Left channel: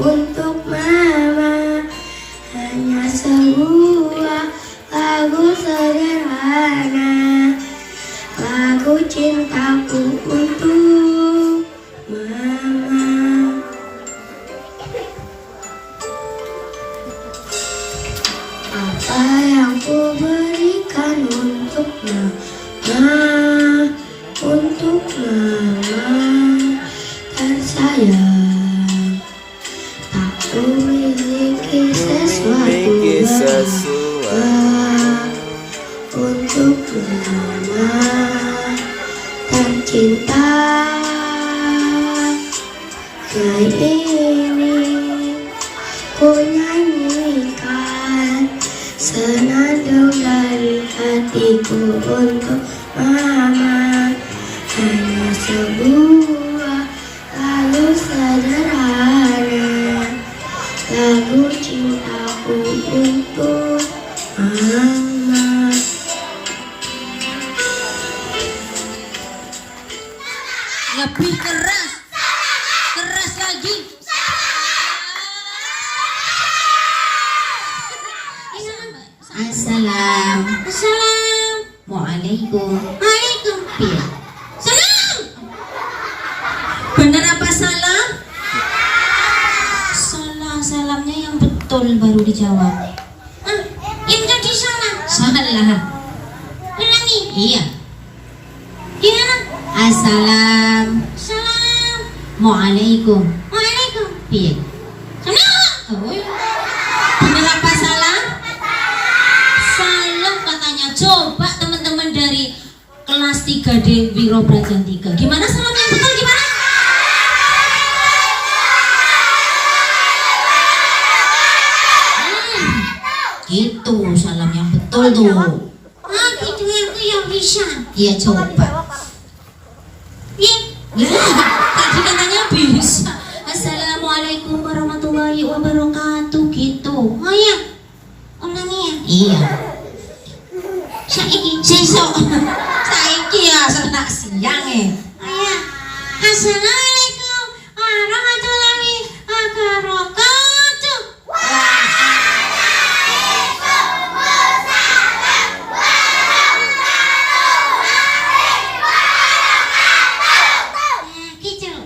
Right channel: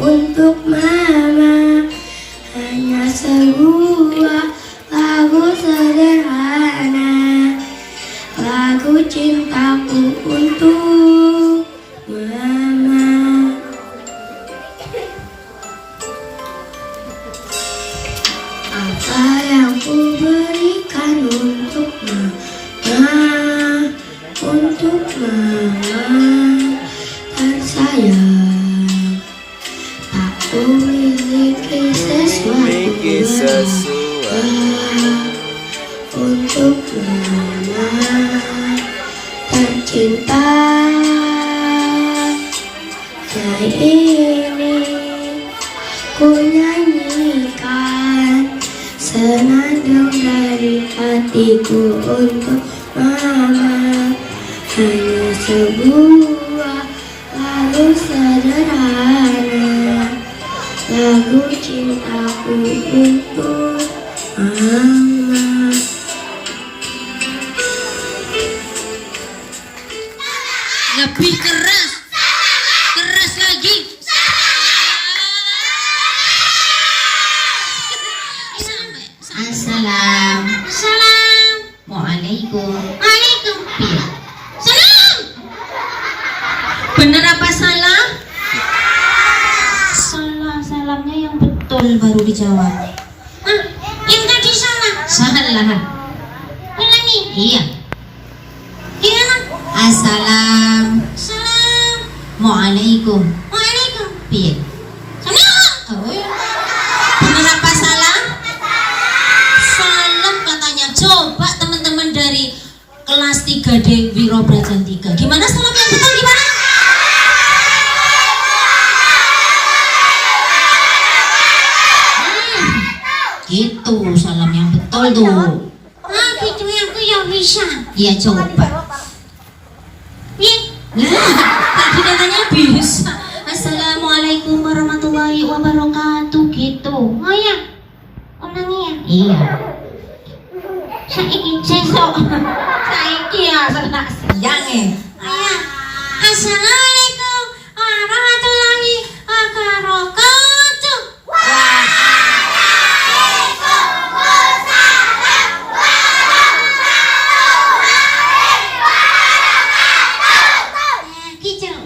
untuk mama. Hanya sebuah lagu sederhana, lagu cintaku untuk mama. Apa yang ku berikan untuk mama, untuk mama tersayang. Tak ku miliki sesuatu berharga untuk mama tercinta. Yang ini ku nyanyikan senandung dari hatiku untuk mama. Hanya sebuah lagu sederhana, lagu cintaku untuk mama. Lebih keras, keras lagi. Assalamualaikum. Waalaikumsalam. Salam. Bener apa salam? Salamnya yang betul baru dijawab. Yang tadi salah. Salah. Ulangi. Iya. Gimana? Assalamualaikum. Waalaikum. Iya. Salam. Bener apa salah? Salam katanya. Coba teman-teman dari kelas 3D Wiro Brajan 3. Gimana salam yang betul gimana? Gitu salam yang betul tuh. Gitu aku yang bisa. Iya coba. Iya. Tadi katanya bisa. Assalamualaikum warahmatullahi wabarakatuh gitu. Oh ya. Ulangi ya. Iya. Saiki sesok. Saiki ya senak siang ya. Iya. Assalamualaikum warahmatullahi wabarakatuh.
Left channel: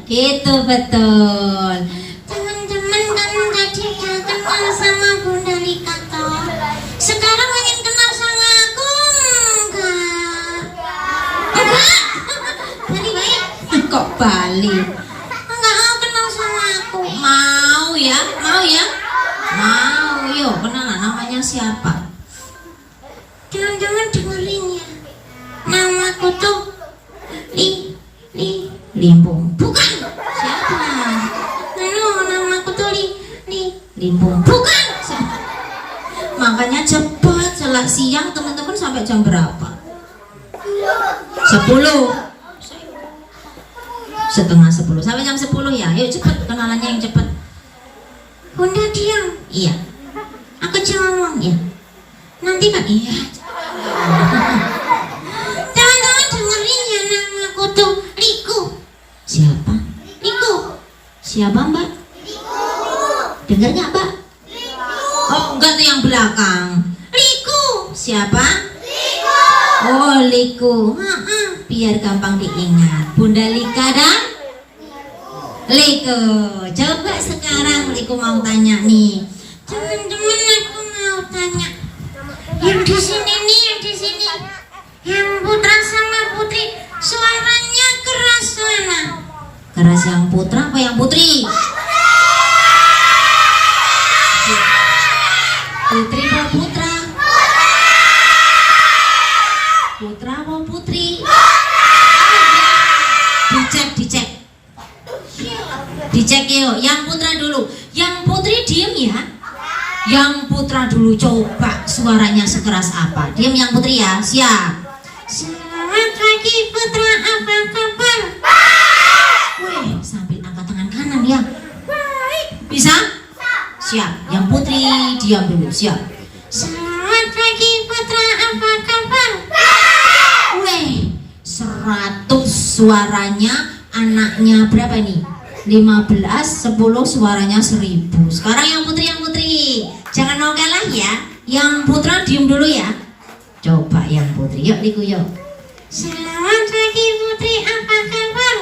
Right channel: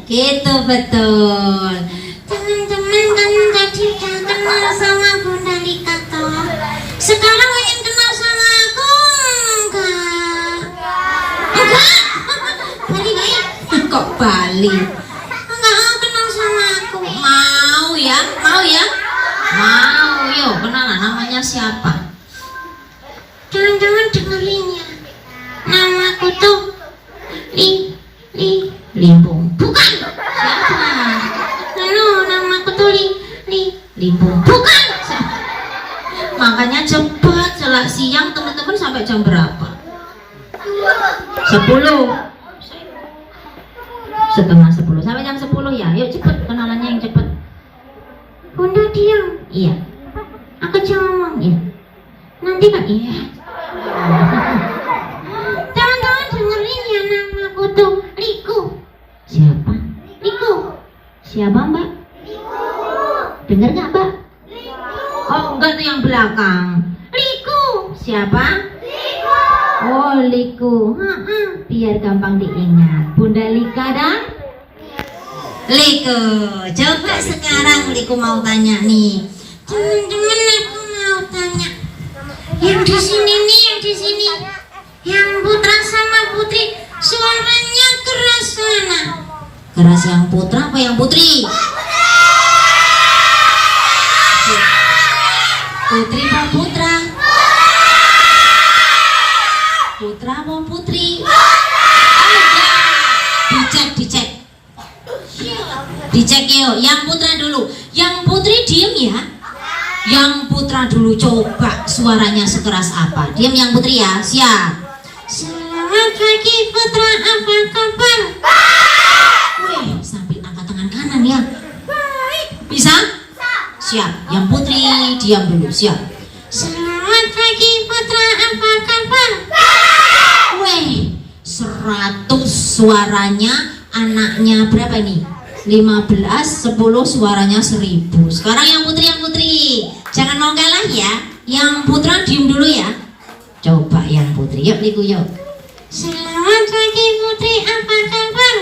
Gitu betul. Teman-teman kan jadi udah kenal sama Bunda Lika toh. Sekarang ingin kenal sama aku enggak? Balik. Kok balik? Enggak mau kenal sama aku. Mau ya? Mau. Yuk kenalan, namanya siapa? Teman-teman dengerin ya. Namaku tuh Limbung. Bukan. Siapa? Namaku tuh Limbung. Bukan. Makanya cepat selak siang teman-teman sampai jam berapa? 10. Setengah 10 sampai jam 10 ya. Yuk cepat kenalannya yang cepat. Bunda diam. Iya. Aku jangan ngomong ya. Nanti kan iya. Teman-teman dengerin ya, namaku tuh Liku. Siapa? Liku. Siapa mbak? Liku. Dengar nggak mbak? Liku. Oh enggak tuh yang belakang. Liku. Siapa? Liku. Oh Liku. Biar gampang diingat. Bunda Lika dan Liku. Coba sekarang Liku mau tanya nih. Teman-teman aku mau tanya. Yang di sini nih, yang di sini. Yang Putra sama Putri suaranya keras mana? Keras yang Putra apa yang Putri? Putri apa Putra? Putra apa Putri? Dicek yuk, yang Putra dulu. Yang Putri diem ya. Yang Putra dulu, coba suaranya sekeras apa? Diam yang Putri ya, siap. Selamat pagi Putra, apa kabar? Wih, sambil angkat tangan kanan ya. Bisa? Siap. Yang Putri diam dulu, siap. Selamat pagi Putra, apa kabar? Wih, 100 suaranya. Anaknya berapa nih? 15, 10 suaranya 1000. Sekarang yang putri. Jangan mau kalah ya. Yang putra diem dulu ya. Coba yang putri. Yuk Liku yuk. Selamat pagi putri, apa kabar?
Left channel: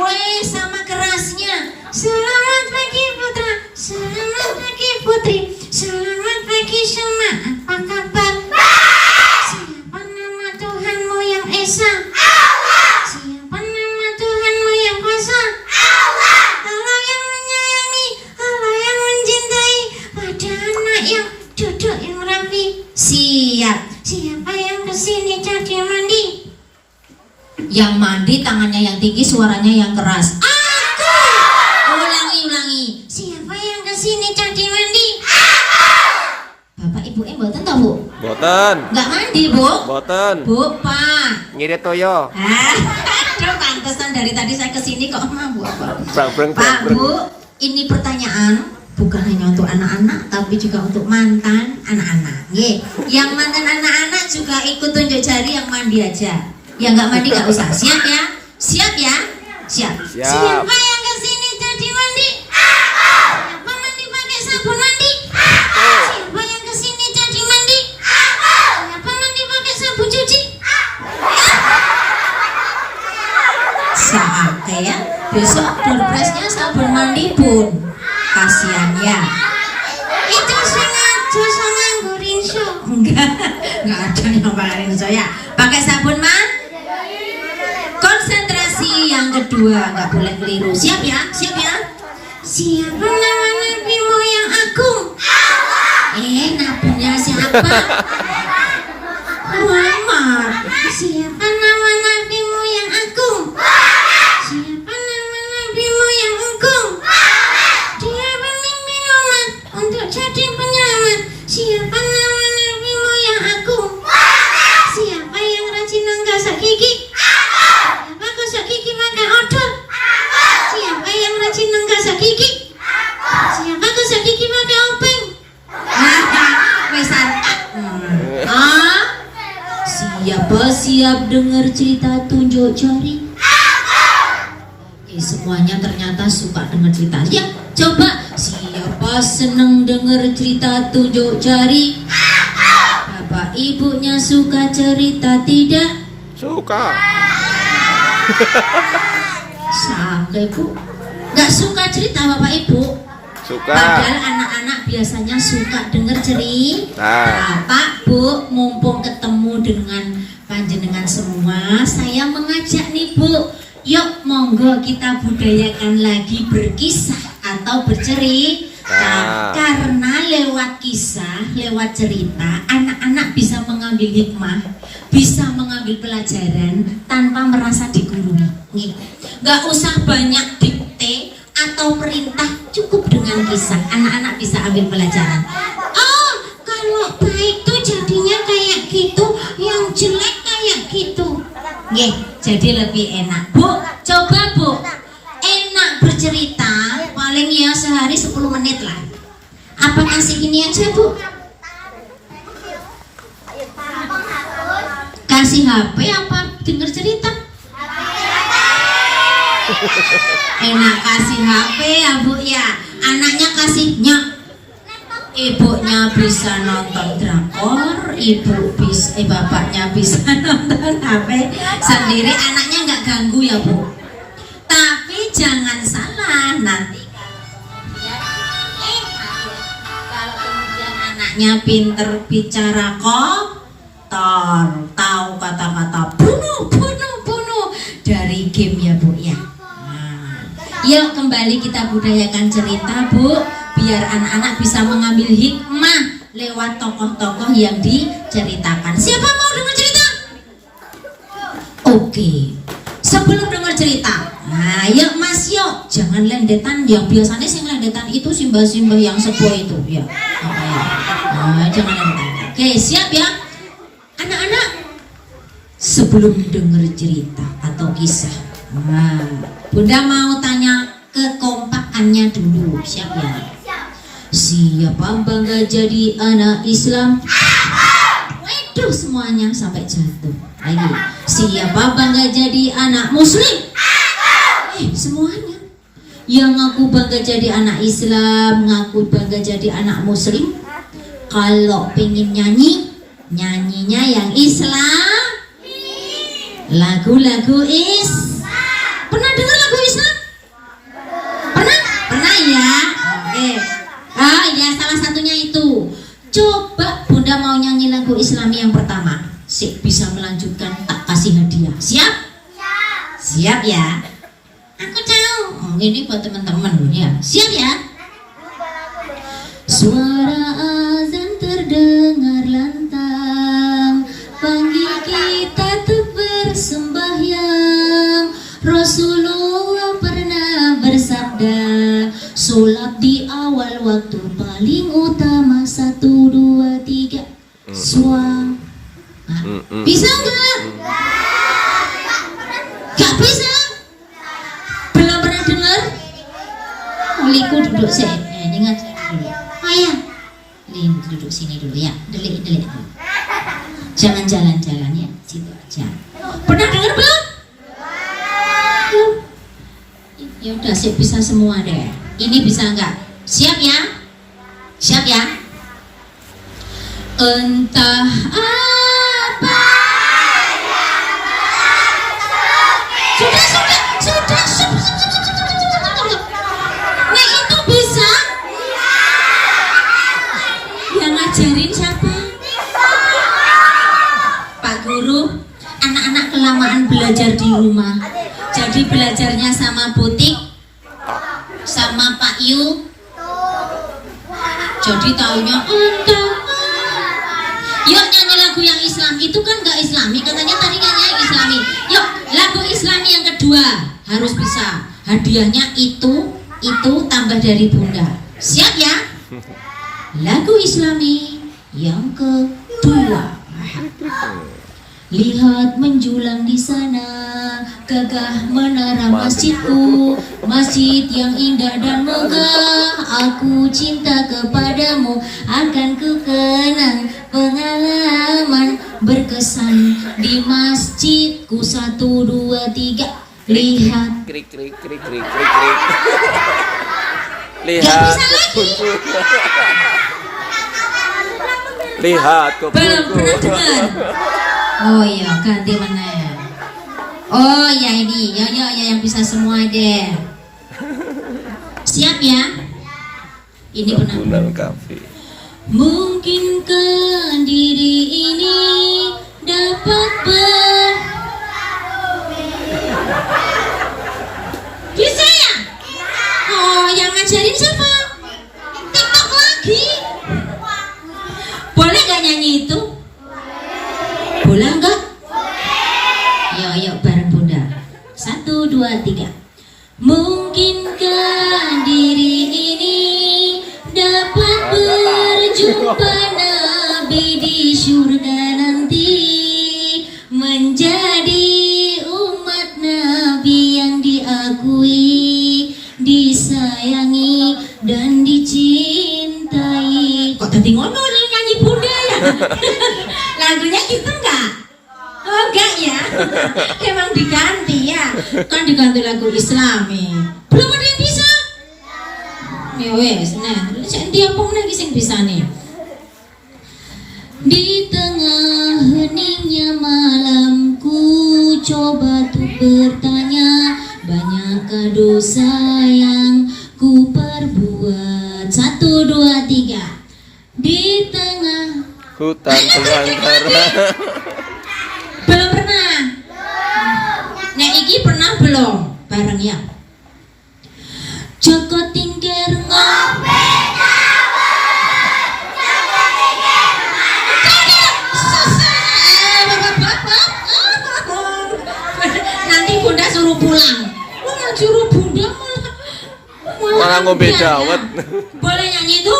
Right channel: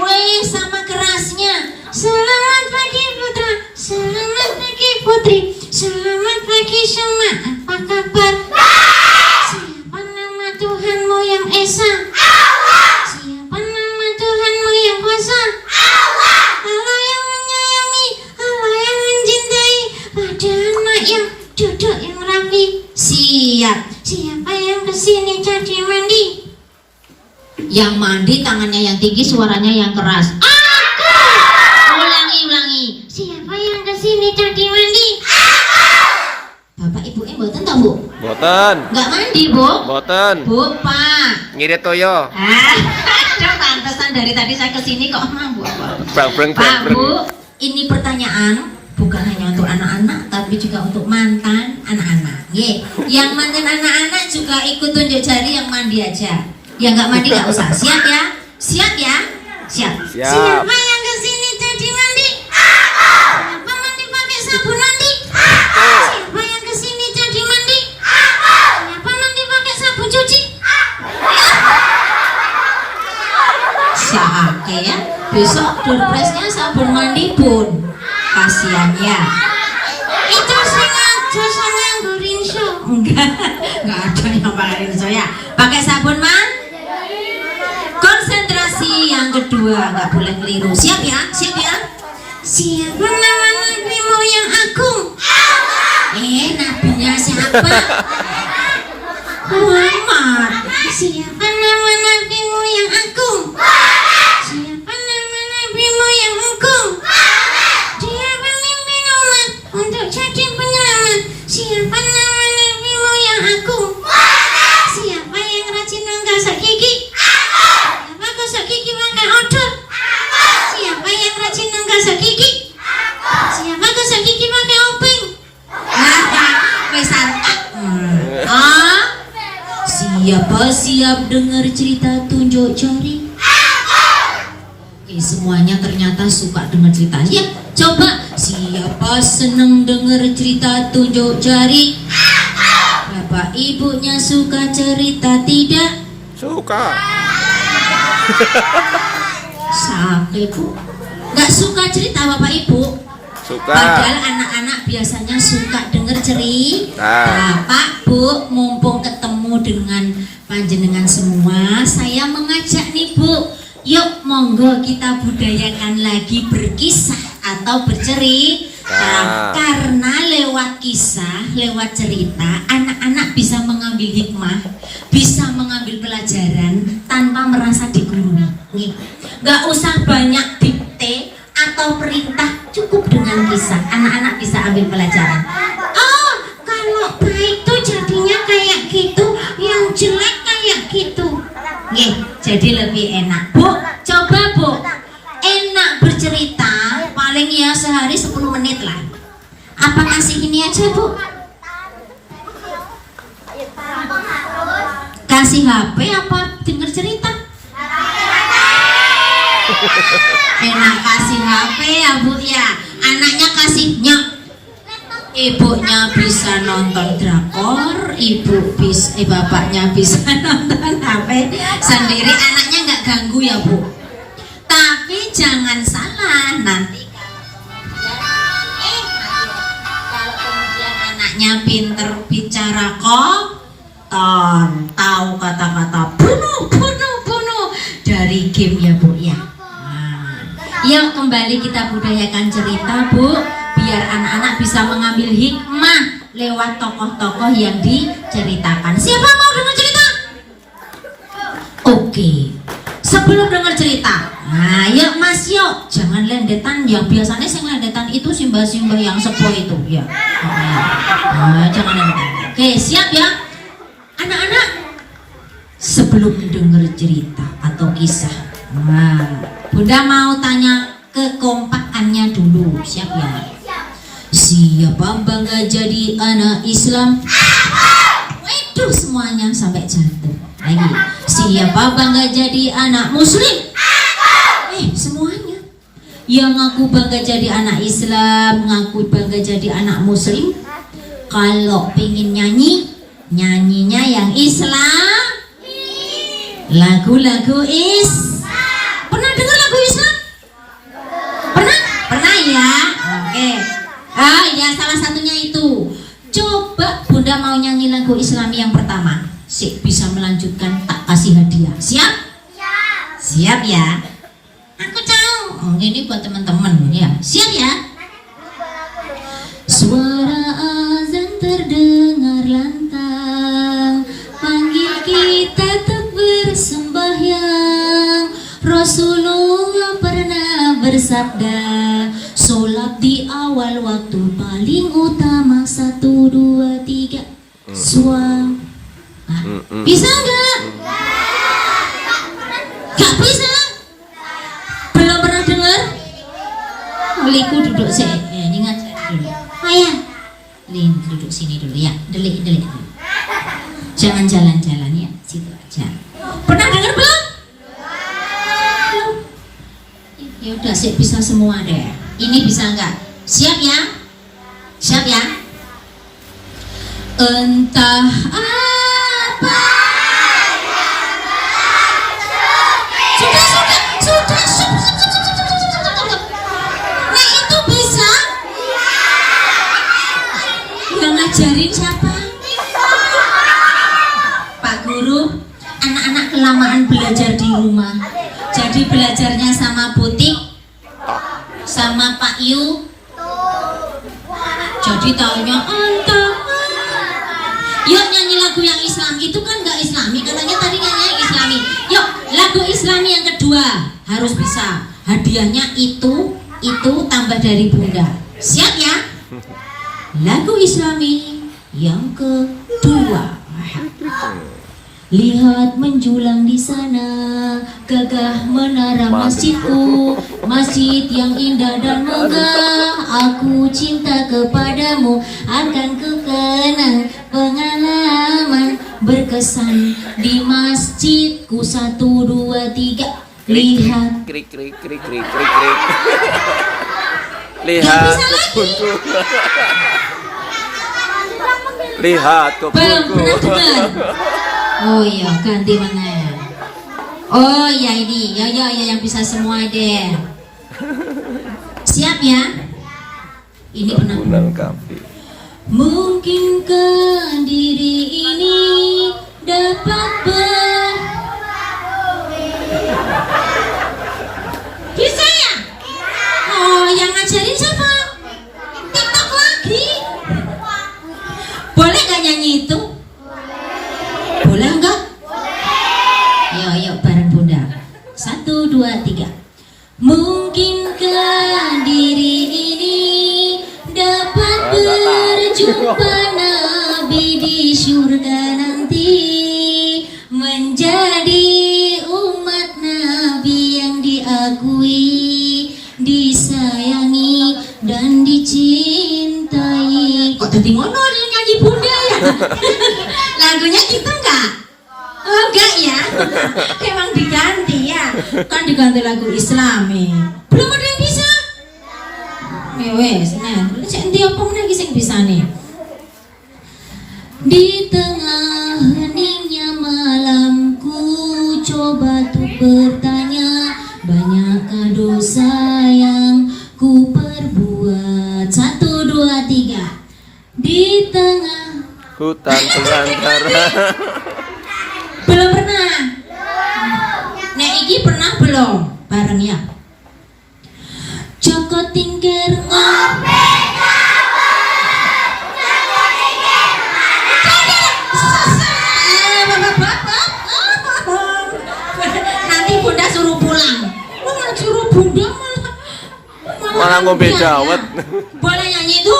Weh, sama kerasnya. Selamat pagi putra. Selamat pagi putri. Selamat pagi semua. Apa kabar? Siapa nama Tuhanmu yang esa? Siapa nama Tuhanmu yang kuasa? Allah yang menyayangi, Allah yang mencintai, pada anak yang duduk yang rapi. Siap. Siapa yang kesini jadi mandi? Yang mandi tangannya yang tinggi, suaranya yang keras. Aku. Ulangi. Siapa yang kesini jadi mandi? Bapak ibu mboten ta, Bu? Boten. Enggak mandi, Bu? Boten. Bu, Pak. Ngirit toyo. Aduh, pantesan dari tadi saya kesini kok emang, Bu. Pak, Bu, ini pertanyaan bukan hanya untuk anak-anak tapi juga untuk mantan anak-anak. Yang mantan anak-anak juga ikut tunjuk jari, yang mandi aja. Yang nggak mandi nggak usah. Siap ya? Siap. Siapa yang kesini jadi mandi? Siapa mandi pakai sabun mandi? Siapa yang kesini jadi mandi? Siapa mandi pakai sabun cuci? Siapa ya? Besok doorpressnya sabun mandi pun. Kasihan ya. Itu sengaja saya ngerinso. Enggak ada yang pakai rinso ya. Pakai sabun man. Konsentrasi yang kedua, nggak boleh keliru. Siap ya? Siapa nama nabimu yang agung? Nabinya siapa? Muhammad. Siapa nama nabimu yang agung? Siapa nama nabimu yang agung? Dia pemimpin umat untuk jadi penyelamat. Siapa nama nabimu yang agung? Siapa yang rajin menggosok gigi? Siapa gosok gigi pakai odol? Siapa yang rajin menggosok gigi? Siapa gosok gigi pakai obeng? Misal. Siapa siap dengar cerita tunjuk jari? Semuanya ternyata suka dengar cerita. Ya, coba. Siapa seneng dengar cerita tunjuk jari? Bapak ibunya suka cerita tidak? Suka. Sampai Bu. Nggak suka cerita Bapak Ibu? Suka. Padahal anak-anak biasanya suka dengar cerita. Pak, Bu, mumpung ketemu dengan panjenengan semua, saya mengajak nih Bu, yuk monggo kita budayakan lagi berkisah atau bercerita. Karena lewat kisah, lewat cerita, anak-anak bisa mengambil hikmah, bisa mengambil pelajaran tanpa merasa digurui. Gak usah banyak dikte atau perintah, cukup dengan kisah. Anak-anak bisa ambil pelajaran. Oh, kalau baik tuh jadinya kayak gitu, yang jelek kayak gitu. Jadi lebih enak. Bu, coba Bu, enak bercerita paling ya sehari 10 menit lah. Apa kasih ini aja Bu? Kasih HP apa denger cerita? Enak kasih HP ya Bu ya. Anaknya kasih nyok. Ibunya bisa nonton drakor, bapaknya bisa nonton HP sendiri, anaknya nggak ganggu ya Bu. Tapi jangan salah, nanti kalau kemudian anaknya pinter bicara kotor, tahu kata-kata bunuh dari game ya Bu ya. Yuk kembali kita budayakan cerita Bu, biar anak-anak bisa mengambil hikmah lewat tokoh-tokoh yang diceritakan. Siapa mau dengar cerita? Oke. Sebelum dengar cerita, nah yuk Mas yuk, jangan lendetan. Yang biasanya sing lendetan itu simbah-simbah yang sepuh itu ya. Nah, jangan lendetan. Oke, siap ya anak-anak. Sebelum dengar cerita atau kisah, nah, Bunda mau tanya kekompakannya dulu. Siap ya? Siapa bangga jadi anak Islam? Waduh, semuanya sampai jatuh. Lagi. Siapa bangga jadi anak Muslim? Semuanya. yang ngaku bangga jadi anak Islam, ngaku bangga jadi anak Muslim, kalau pengen nyanyi, nyanyinya yang Islam. Lagu-lagu pernah dengar lagu Islam? Pernah? Pernah ya? Oke. Ya salah satunya itu. Coba Bunda mau nyanyi lagu Islam yang pertama. Bisa melanjutkan, tak kasih hadiah. Siap? Siap ya? Aku tahu. Ini buat teman-teman ya. Siap ya? Suara azan terdengar lantang, panggil kita untuk bersembahyang. Rasulullah pernah bersabda, sholat di awal waktu paling utama. 1, 2, 3 suam. Bisa nggak? Gak bisa? Belum pernah dengar? Liku duduk ini ngajar dulu. Oh ya, Lin duduk sini dulu ya. Delik dulu. Jangan jalan-jalan ya, situ aja. Pernah dengar belum? Ya udah, siap bisa semua deh. Ini bisa nggak? Siap ya? Siap ya? Entah apa. Sudah. Nah itu bisa? Yang ngajarin siapa? Pak Guru. Anak-anak kelamaan belajar di rumah. Jadi belajarnya sama Butik, sama Pak Yu. Jadi taunya entah. Yuk nyanyi lagu yang Islam. Itu kan gak Islami, katanya tadi nyanyi Islami. Yuk lagu Islami yang kedua harus bisa. Hadiahnya itu tambah dari Bunda. Siap ya? Lagu Islami yang kedua. Lihat menjulang di sana, gagah menara masjidku, masjid yang indah dan megah. Aku cinta kepadamu, akan ku kenang pengalaman berkesan di masjidku. 1, 2, 3 lihat. Krik. Lihat kebunku. Lihat kebunku. Oh iya, ganti mana? Oh ya ini, ya yang bisa semua deh. Siap ya? Ini benar. Mungkinkah diri ini dapat bisa ya? Oh, yang ngajarin siapa? TikTok lagi. Boleh gak nyanyi itu? Boleh enggak? Yuk bareng Bunda. 1, 2, 3. Mungkinkah diri ini dapat berjumpa Nabi di surga nanti, menjadi umat Nabi yang diakui, disayangi dan dicintai. Kok tadi ngono nyanyi Bunda ya? Lagunya gitu enggak? Oh enggak ya? Emang diganti ya? Kan diganti lagu Islami. Belum ada yang bisa? Ya wes, nah, nanti apa lagi sing bisa nih? Di tengah heningnya malamku coba tuh bertanya, banyakkah dosa yang ku perbuat? 1, 2, 3. Di tengah Hutan belantara. belum pernah. Nek iki pernah belum? Bareng ya. Joko tingkir ngopi. Nanti Bunda suruh pulang. Lu nggak suruh Bunda Malah ngombe dawet. Boleh nyanyi itu?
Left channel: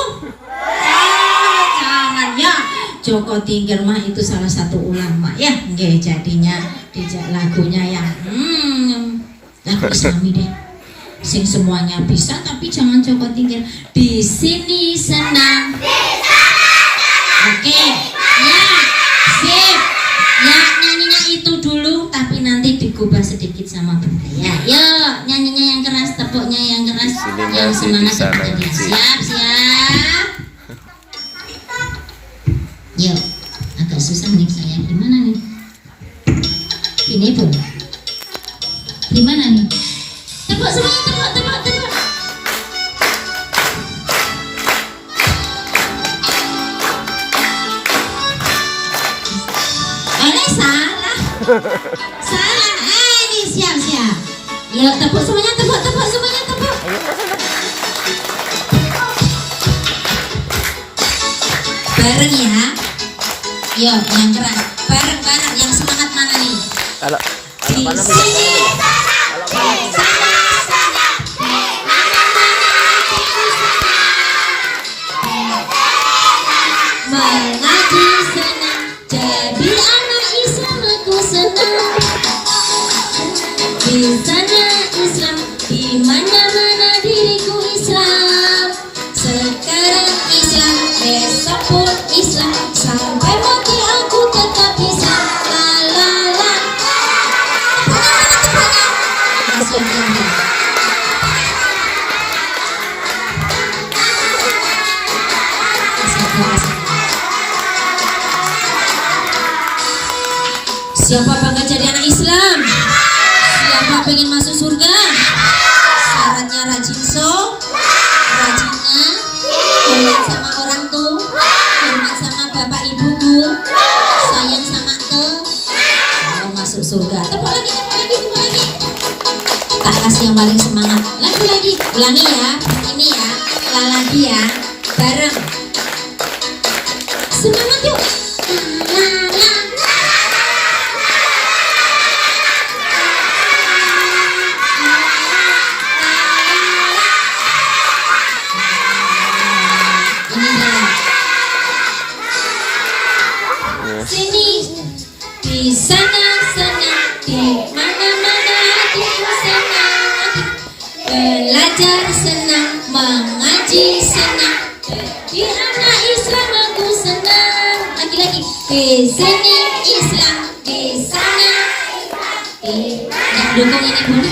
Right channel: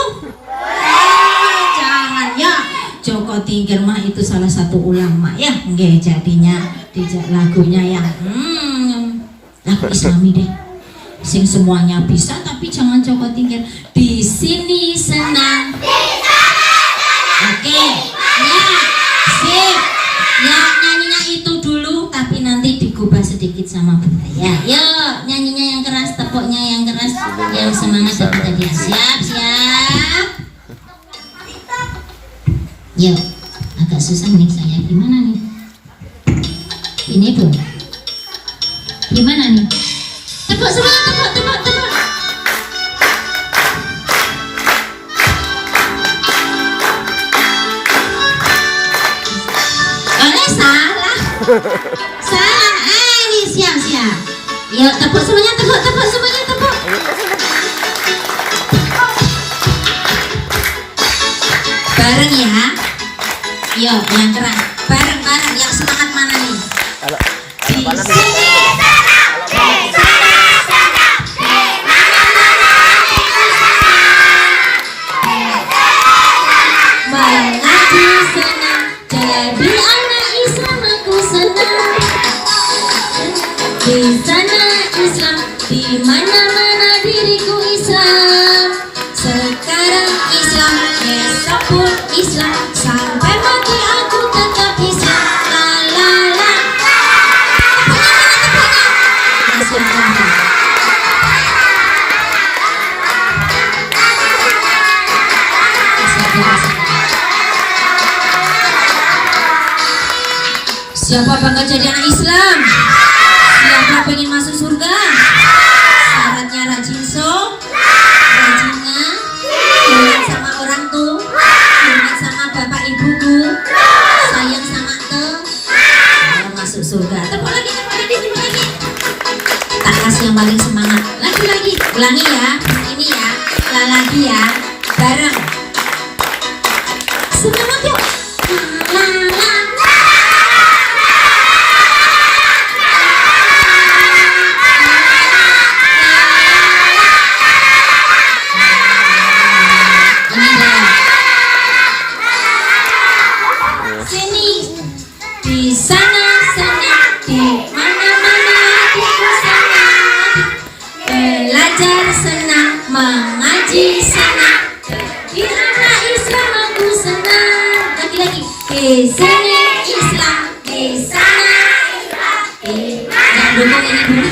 Jangan ya. Joko Tingkir mah itu salah satu ulama ya. Nggih jadinya dijak lagunya yang lagu Islami deh. Sing semuanya bisa tapi jangan Joko Tingkir. Di sini senang. Oke. Ya. Sip. Ya nyanyinya itu dulu tapi nanti digubah sedikit sama Bunda ya. Yuk nyanyinya yang keras, tepuknya yang keras. Yang semangat dapat hadiah. Siap. Yuk, agak susah nih saya. Gimana nih? Ini tuh. Gimana nih? Tepuk semangat, tepuk. Salah. Ini siap. Yuk, tepuk semuanya, tepuk semuanya, tepuk. Bareng ya. Yuk, yang keras. Bareng, yang semangat mana nih? Di sini. Mengaji senang, jadi anak Islam aku senang. Di sana Islam, di mana-mana diriku Islam. Sekarang Islam, besok pun Islam, sampai mati aku tetap Islam. La. Siapa bangga jadi anak Islam? Siapa pengen masuk surga? Syaratnya rajin rajinnya hormat sama orang tua, hormat sama bapak ibuku, sayang sama saya masuk surga. Tepuk lagi. Tak kasih yang paling semangat. Lagi. Ulangi ya. Ini ya. Lagi ya. Bareng. Semangat yuk. Sini, di sana, di mana-mana hatiku senang. Belajar senang, mengaji senang, jadi anak Islam aku senang. Lagi. Di sini Islam, di sana Islam. Yang dukung ini dulu.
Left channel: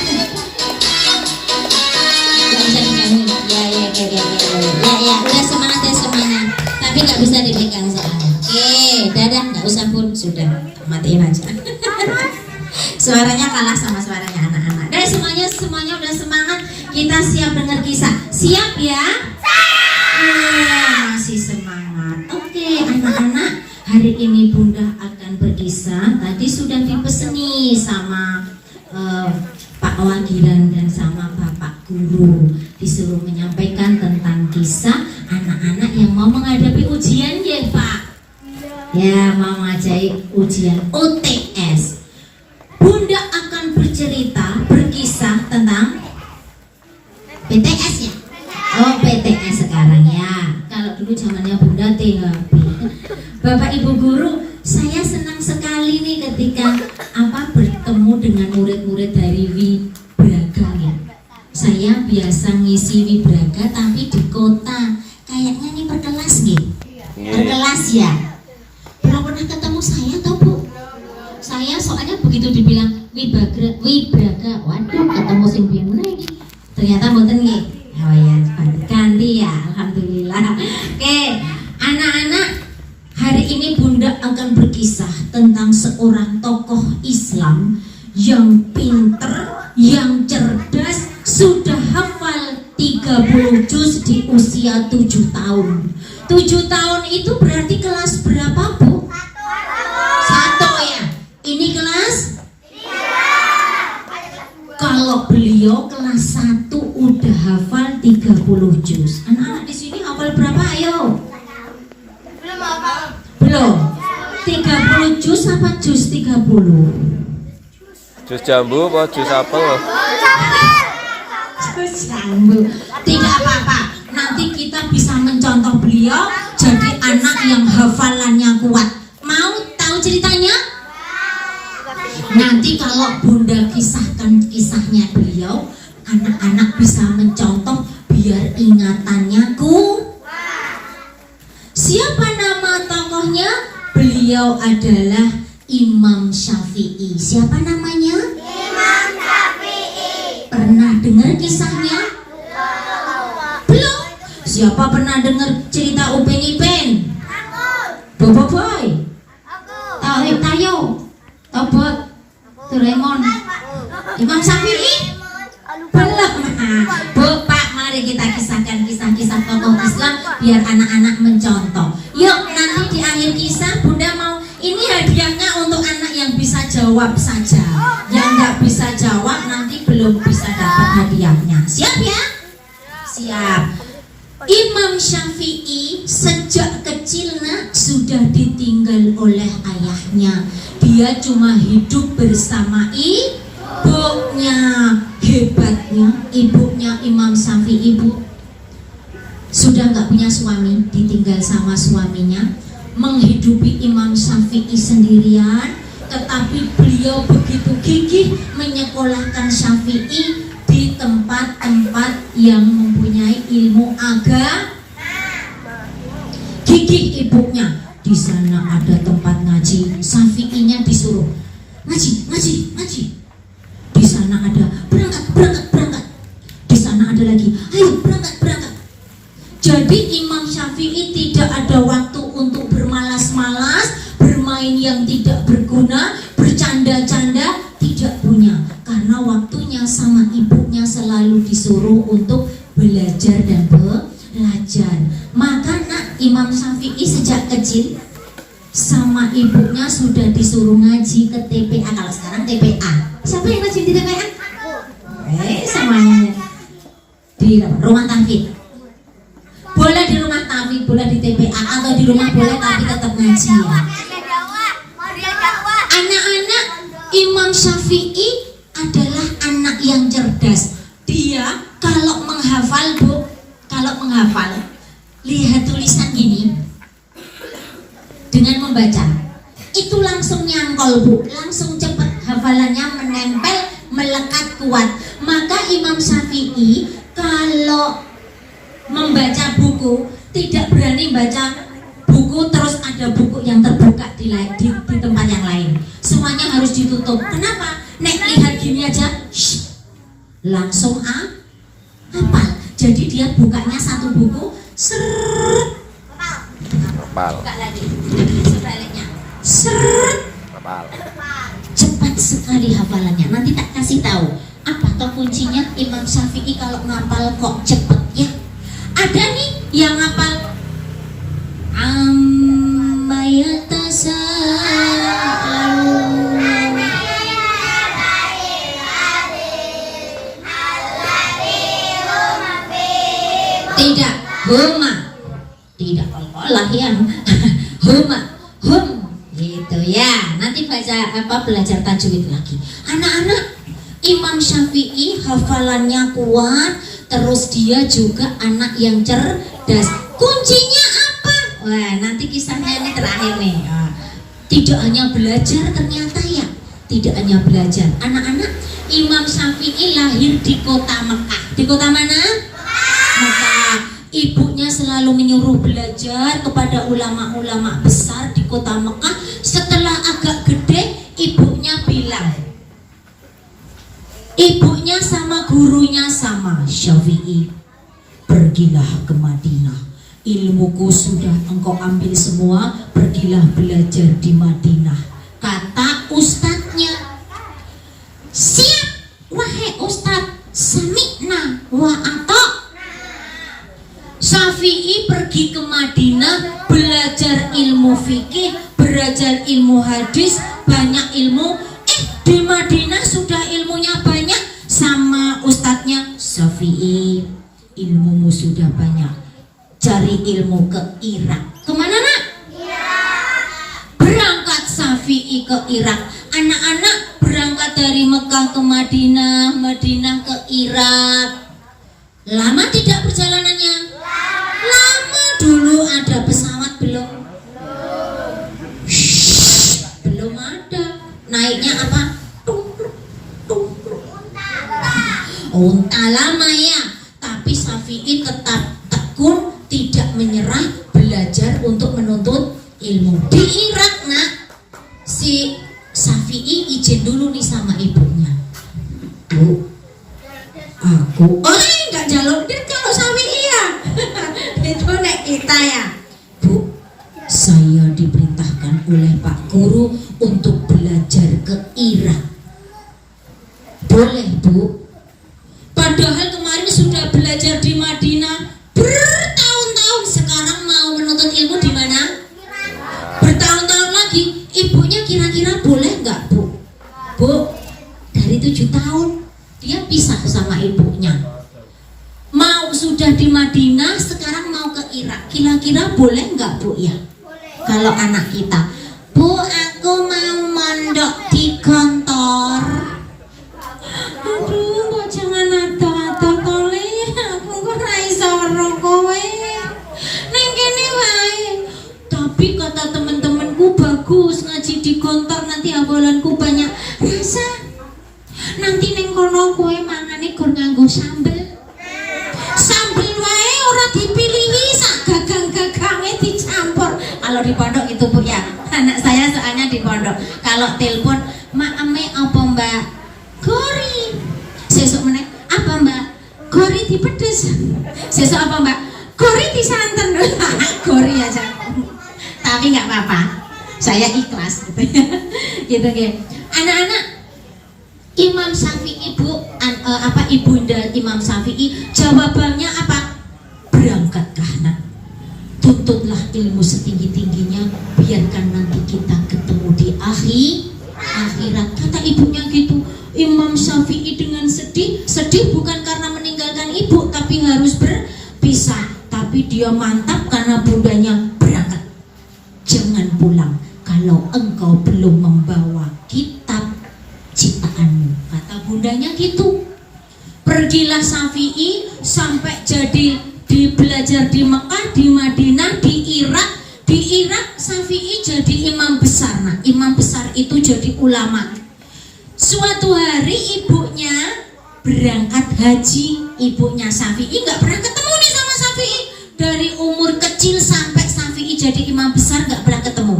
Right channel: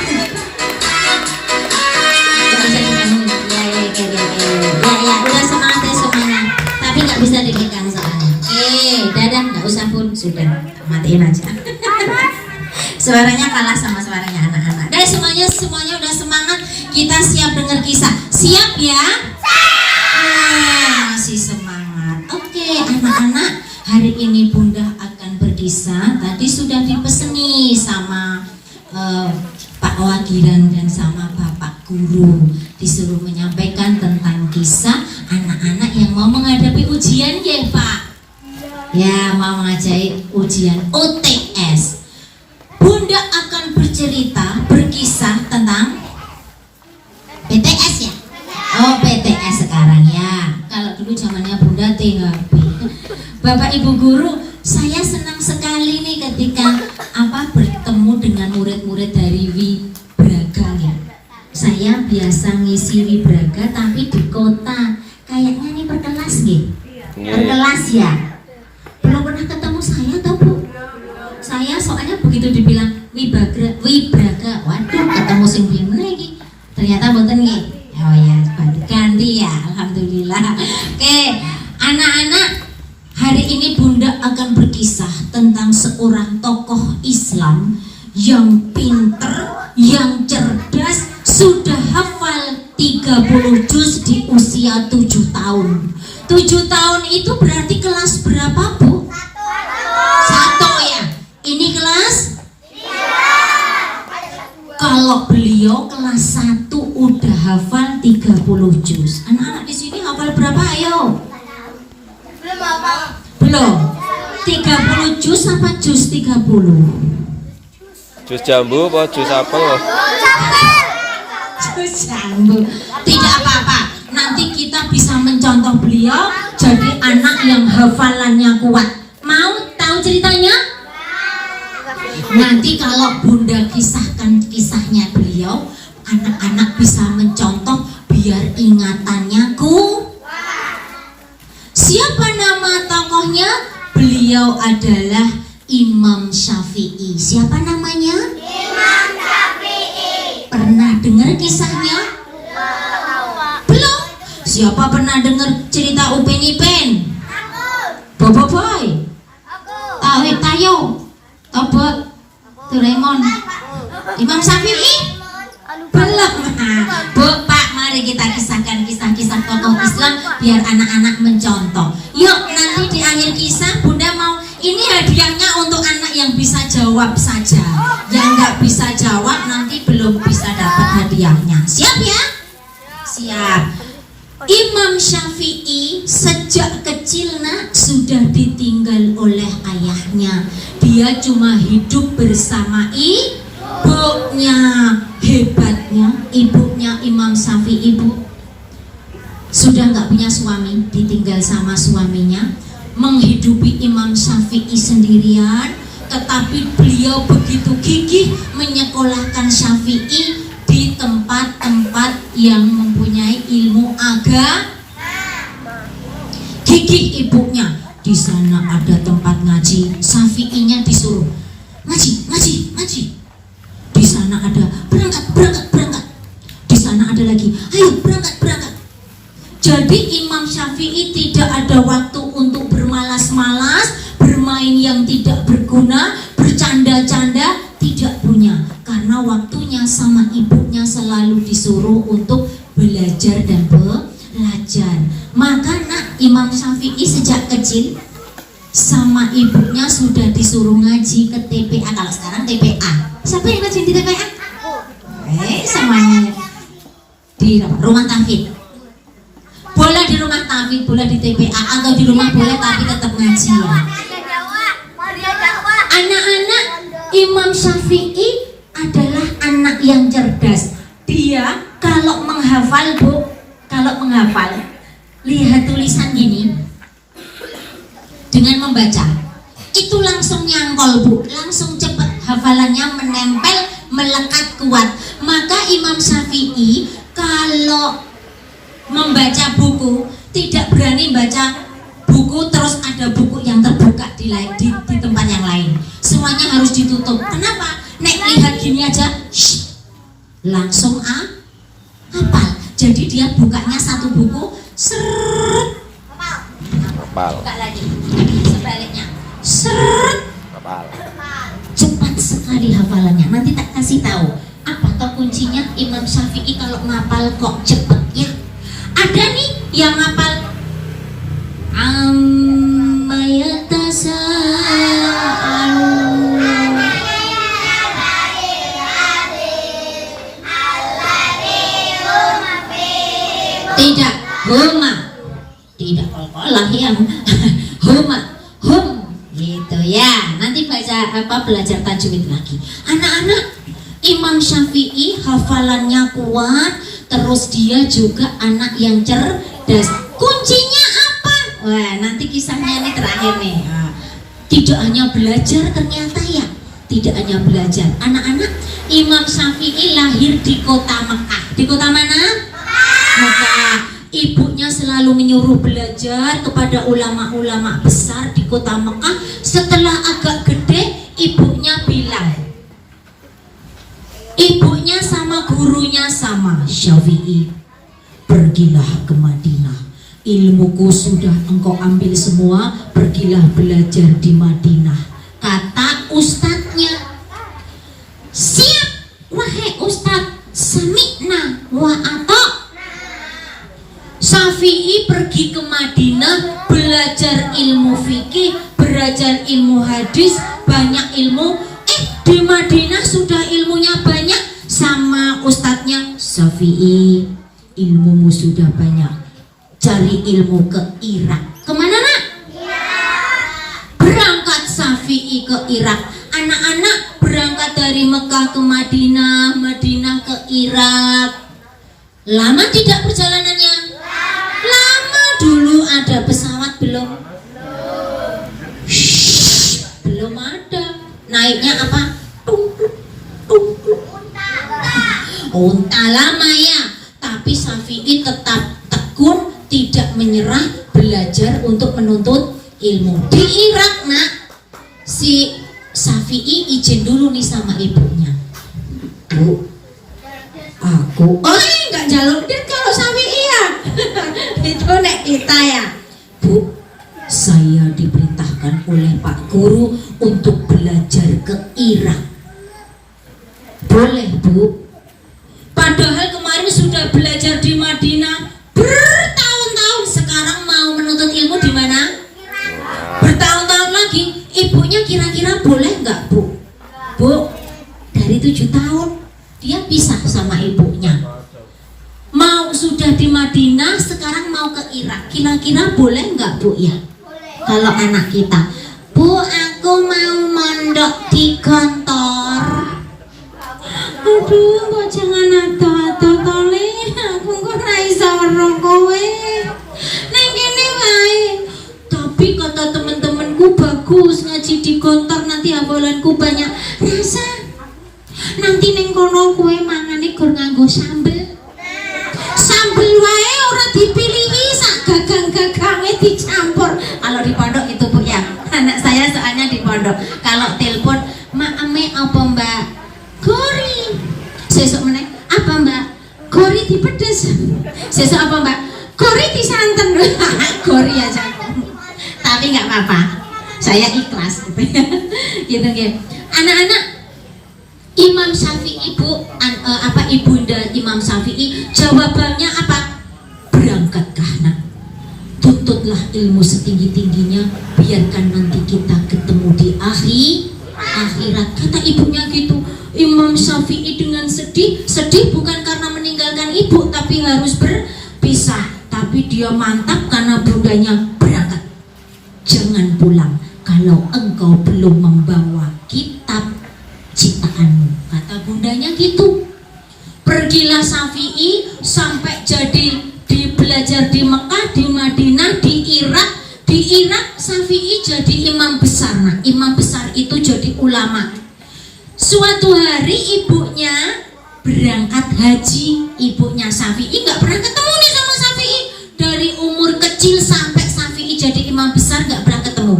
Ya, udah semangat ya semuanya. Tapi nggak bisa dipegang soalnya. Dadah, nggak usah pun, sudah matiin aja. Suaranya kalah sama suaranya anak-anak. Dan semuanya udah semangat. Kita siap dengar kisah. Siap ya? Masih semangat. Oke, anak-anak, hari ini Bunda akan berkisah. Tadi sudah dipeseni sama Pak Wagiran dan sama Bapak Guru, disuruh menyampaikan tentang kisah anak-anak yang mau menghadapi ujian ya Pak. Ya, mau mengajar ujian OTS. Bunda akan berkisah tentang PTS ya. Oh, PTS sekarang ya. Kalau dulu zamannya Bunda THB. Bapak Ibu Guru, saya senang sekali nih ketika bertemu dengan murid-murid dari Wibraga ya. Saya biasa ngisi Wibraga tapi di kota. Kayaknya nih per kelas nih. Per kelas ya. Belum pernah ketemu saya atau Bu? Saya soalnya begitu dibilang Wibraga, waduh ketemu sing bingung lagi. Ternyata mboten nggih. Oh ya, ganti ya, alhamdulillah. Oke, anak-anak, hari ini Bunda akan berkisah tentang seorang tokoh Islam yang pinter, yang cerdas, sudah hafal 30 juz di usia 7 tahun. 7 tahun itu berarti kelas berapa Bu? 1 ya. Ini kelas 3. Kalau beliau kelas 1 udah hafal 30 juz. Anak-anak di sini hafal berapa ayo? Belum. 30 juz apa juz 30? Jus jambu apa jus apel? Juz jambu. Tidak apa-apa. Nanti kita bisa mencontoh beliau jadi anak yang hafalannya kuat. Mau tahu ceritanya? Nanti kalau Bunda kisahkan kisahnya beliau, anak-anak bisa mencontoh biar ingatannya kuat. Siapa nama tokohnya? Beliau adalah Imam Syafi'i. Siapa namanya? Imam Syafi'i. Pernah dengar kisahnya? Siapa pernah dengar cerita Upin Ipin? Bobo Boy? Tahu Tayo? Tobot? Doraemon? Imam Syafi'i? Belum. Bu, Pak, mari kita kisahkan kisah-kisah tokoh Islam biar anak-anak mencontoh. Yuk, nanti di akhir kisah Bunda mau ini hadiahnya untuk anak yang bisa jawab saja. Yang nggak bisa jawab nanti belum bisa dapat hadiahnya. Siap ya? Siap. Imam Syafi'i sejak kecil nak sudah ditinggal oleh ayahnya. Dia cuma hidup bersama ibunya. Hebatnya ibunya Imam Syafi'i, ibu sudah nggak punya suami, ditinggal sama suaminya, menghidupi Imam Syafi'i sendirian. Tetapi beliau begitu gigih menyekolahkan Syafi'i di tempat-tempat yang mempunyai ilmu agama. Gigih ibunya. Di sana ada tempat ngaji, Syafi'inya disuruh ngaji. Di sana ada berangkat. Di sana ada lagi, ayo berangkat. Jadi Imam Syafi'i tidak ada waktu untuk bermalas-malas, bermain yang tidak berguna, bercanda-canda, tidak punya. Karena waktunya sama ibunya selalu disuruh untuk belajar dan belajar. Maka nak Imam Syafi'i sejak kecil sama ibunya sudah disuruh ngaji ke TPA. Kalau sekarang TPA. Siapa yang ngaji di TPA? Semuanya di rumah tahfidz. Boleh di rumah tahfidz, boleh di TPA, atau di rumah boleh tapi tetap ngaji ya. Anak-anak, Imam Syafi'i adalah anak yang cerdas. Dia kalau menghafal, Bu, lihat tulisan gini dengan membaca itu langsung nyangkol, Bu, langsung cepat hafalannya menempel, melekat kuat. Maka Imam Syafi'i kalau membaca buku tidak berani baca buku terus ada buku yang terbuka di tempat yang lain. Semuanya harus ditutup. Kenapa? Nek lihat gini aja, langsung hafal. Jadi dia bukanya satu buku, Hafal. buka lagi, sebaliknya, Hafal. cepat sekali hafalannya. Nanti tak kasih tahu apa toh kuncinya Imam Syafi'i kalau ngapal kok cepet ya. Ada nih yang ngapal tidak, tidak kol-kolah yang gitu ya. Nanti belajar tajwid lagi. Anak-anak, Imam Syafi'i hafalannya kuat, terus dia juga anak yang cerdas. Kuncinya apa? Wah, nanti kisahnya ini terakhir nih. Tidak hanya belajar ternyata ya. Tidak hanya belajar. Anak-anak, Imam Syafi'i lahir di kota Mekah. Di kota mana? Mekah. Ibunya selalu menyuruh belajar kepada ulama-ulama besar di kota Mekah. Setelah agak gede, ibunya bilang, ibunya sama gurunya sama, Syafi'i, pergilah ke Madinah. Ilmuku sudah engkau ambil semua, pergilah belajar di Madinah. Kata ustadznya, siap wahai ustadz, sami'na wa ato'. Syafi'i pergi ke Madinah, belajar ilmu fikih, belajar ilmu hadis, banyak ilmu. Di Madinah sudah ilmunya banyak, sama ustadznya, Syafi'i, ilmumu sudah banyak, cari ilmu ke Irak. Kemana nak? Berangkat Syafi'i ke Irak. Anak-anak berangkat dari Mekah ke Madinah, Madinah ke Irak. Lama tidak perjalanannya? Lama. Dulu ada pesawat belum? Belum ada. Naiknya apa? Unta. Lama ya. Tapi Syafi'i tetap tekun, tidak menyerah, belajar untuk menuntut ilmu. Di Irak nak, si Syafi'i izin dulu nih sama ibunya. Bu, aku nggak jalur dia kalau Syafi'i ya. Pak Guru untuk belajar ke Irak. Boleh Bu? Padahal kemarin sudah belajar di Madinah bertahun-tahun, sekarang mau menuntut ilmu di mana? Bertahun-tahun lagi. Ibunya kira-kira boleh nggak Bu? Bu, dari 7 tahun dia pisah sama ibunya. Mau sudah di Madinah, sekarang mau ke Irak. Kira-kira boleh nggak Bu ya? Kalau anak kita, Bu, aku mau mondok di kantor. Aduh, kok jangan ata-ata tole. Aku kok ra iso weruh kowe. Ning kene wae. Tapi kata temen-temenku bagus ngaji di kantor, nanti hafalanku banyak. Rasa nanti ning kono kowe mangane gur nganggo sambel. Sambel wae ora dipilihi, sak gagang-gagange dicampur. Kalau di pondok itu Bu ya. Anak saya soalnya di pondok. Kalau telepon, "Mak ame apa Mbak?" "Gori." Sesuk meneh, "Apa Mbak?" "Gori dipedes." Sesuk, "Apa Mbak?" "Gori disanten." Gori aja. Tapi nggak apa-apa. Saya ikhlas gitu ya. Gitu ya. Anak-anak, Imam Syafi'i Bu, ibunda Imam Syafi'i jawabannya apa? Berangkatkah nak? Tuntutlah ilmu setinggi-tingginya, biarkan nanti kita ketemu di akhirat. Kata ibunya gitu. Imam Syafi'i dengan sedih bukan karena meninggalkan ibu, tapi harus berpisah. Tapi dia mantap karena bundanya berangkat. Jangan pulang kalau engkau belum membawa kitab ciptaanmu, kata bundanya gitu. Pergilah Syafi'i sampai jadi belajar di Mekah, di Madinah, di Irak. Di Irak Syafi'i jadi imam besar. Nah, imam besar itu jadi ulama. Suatu hari ibunya berangkat haji. Ibunya Syafi'i nggak pernah ketemu nih sama Syafi'i. Dari umur kecil sampai Syafi'i jadi imam besar nggak pernah ketemu.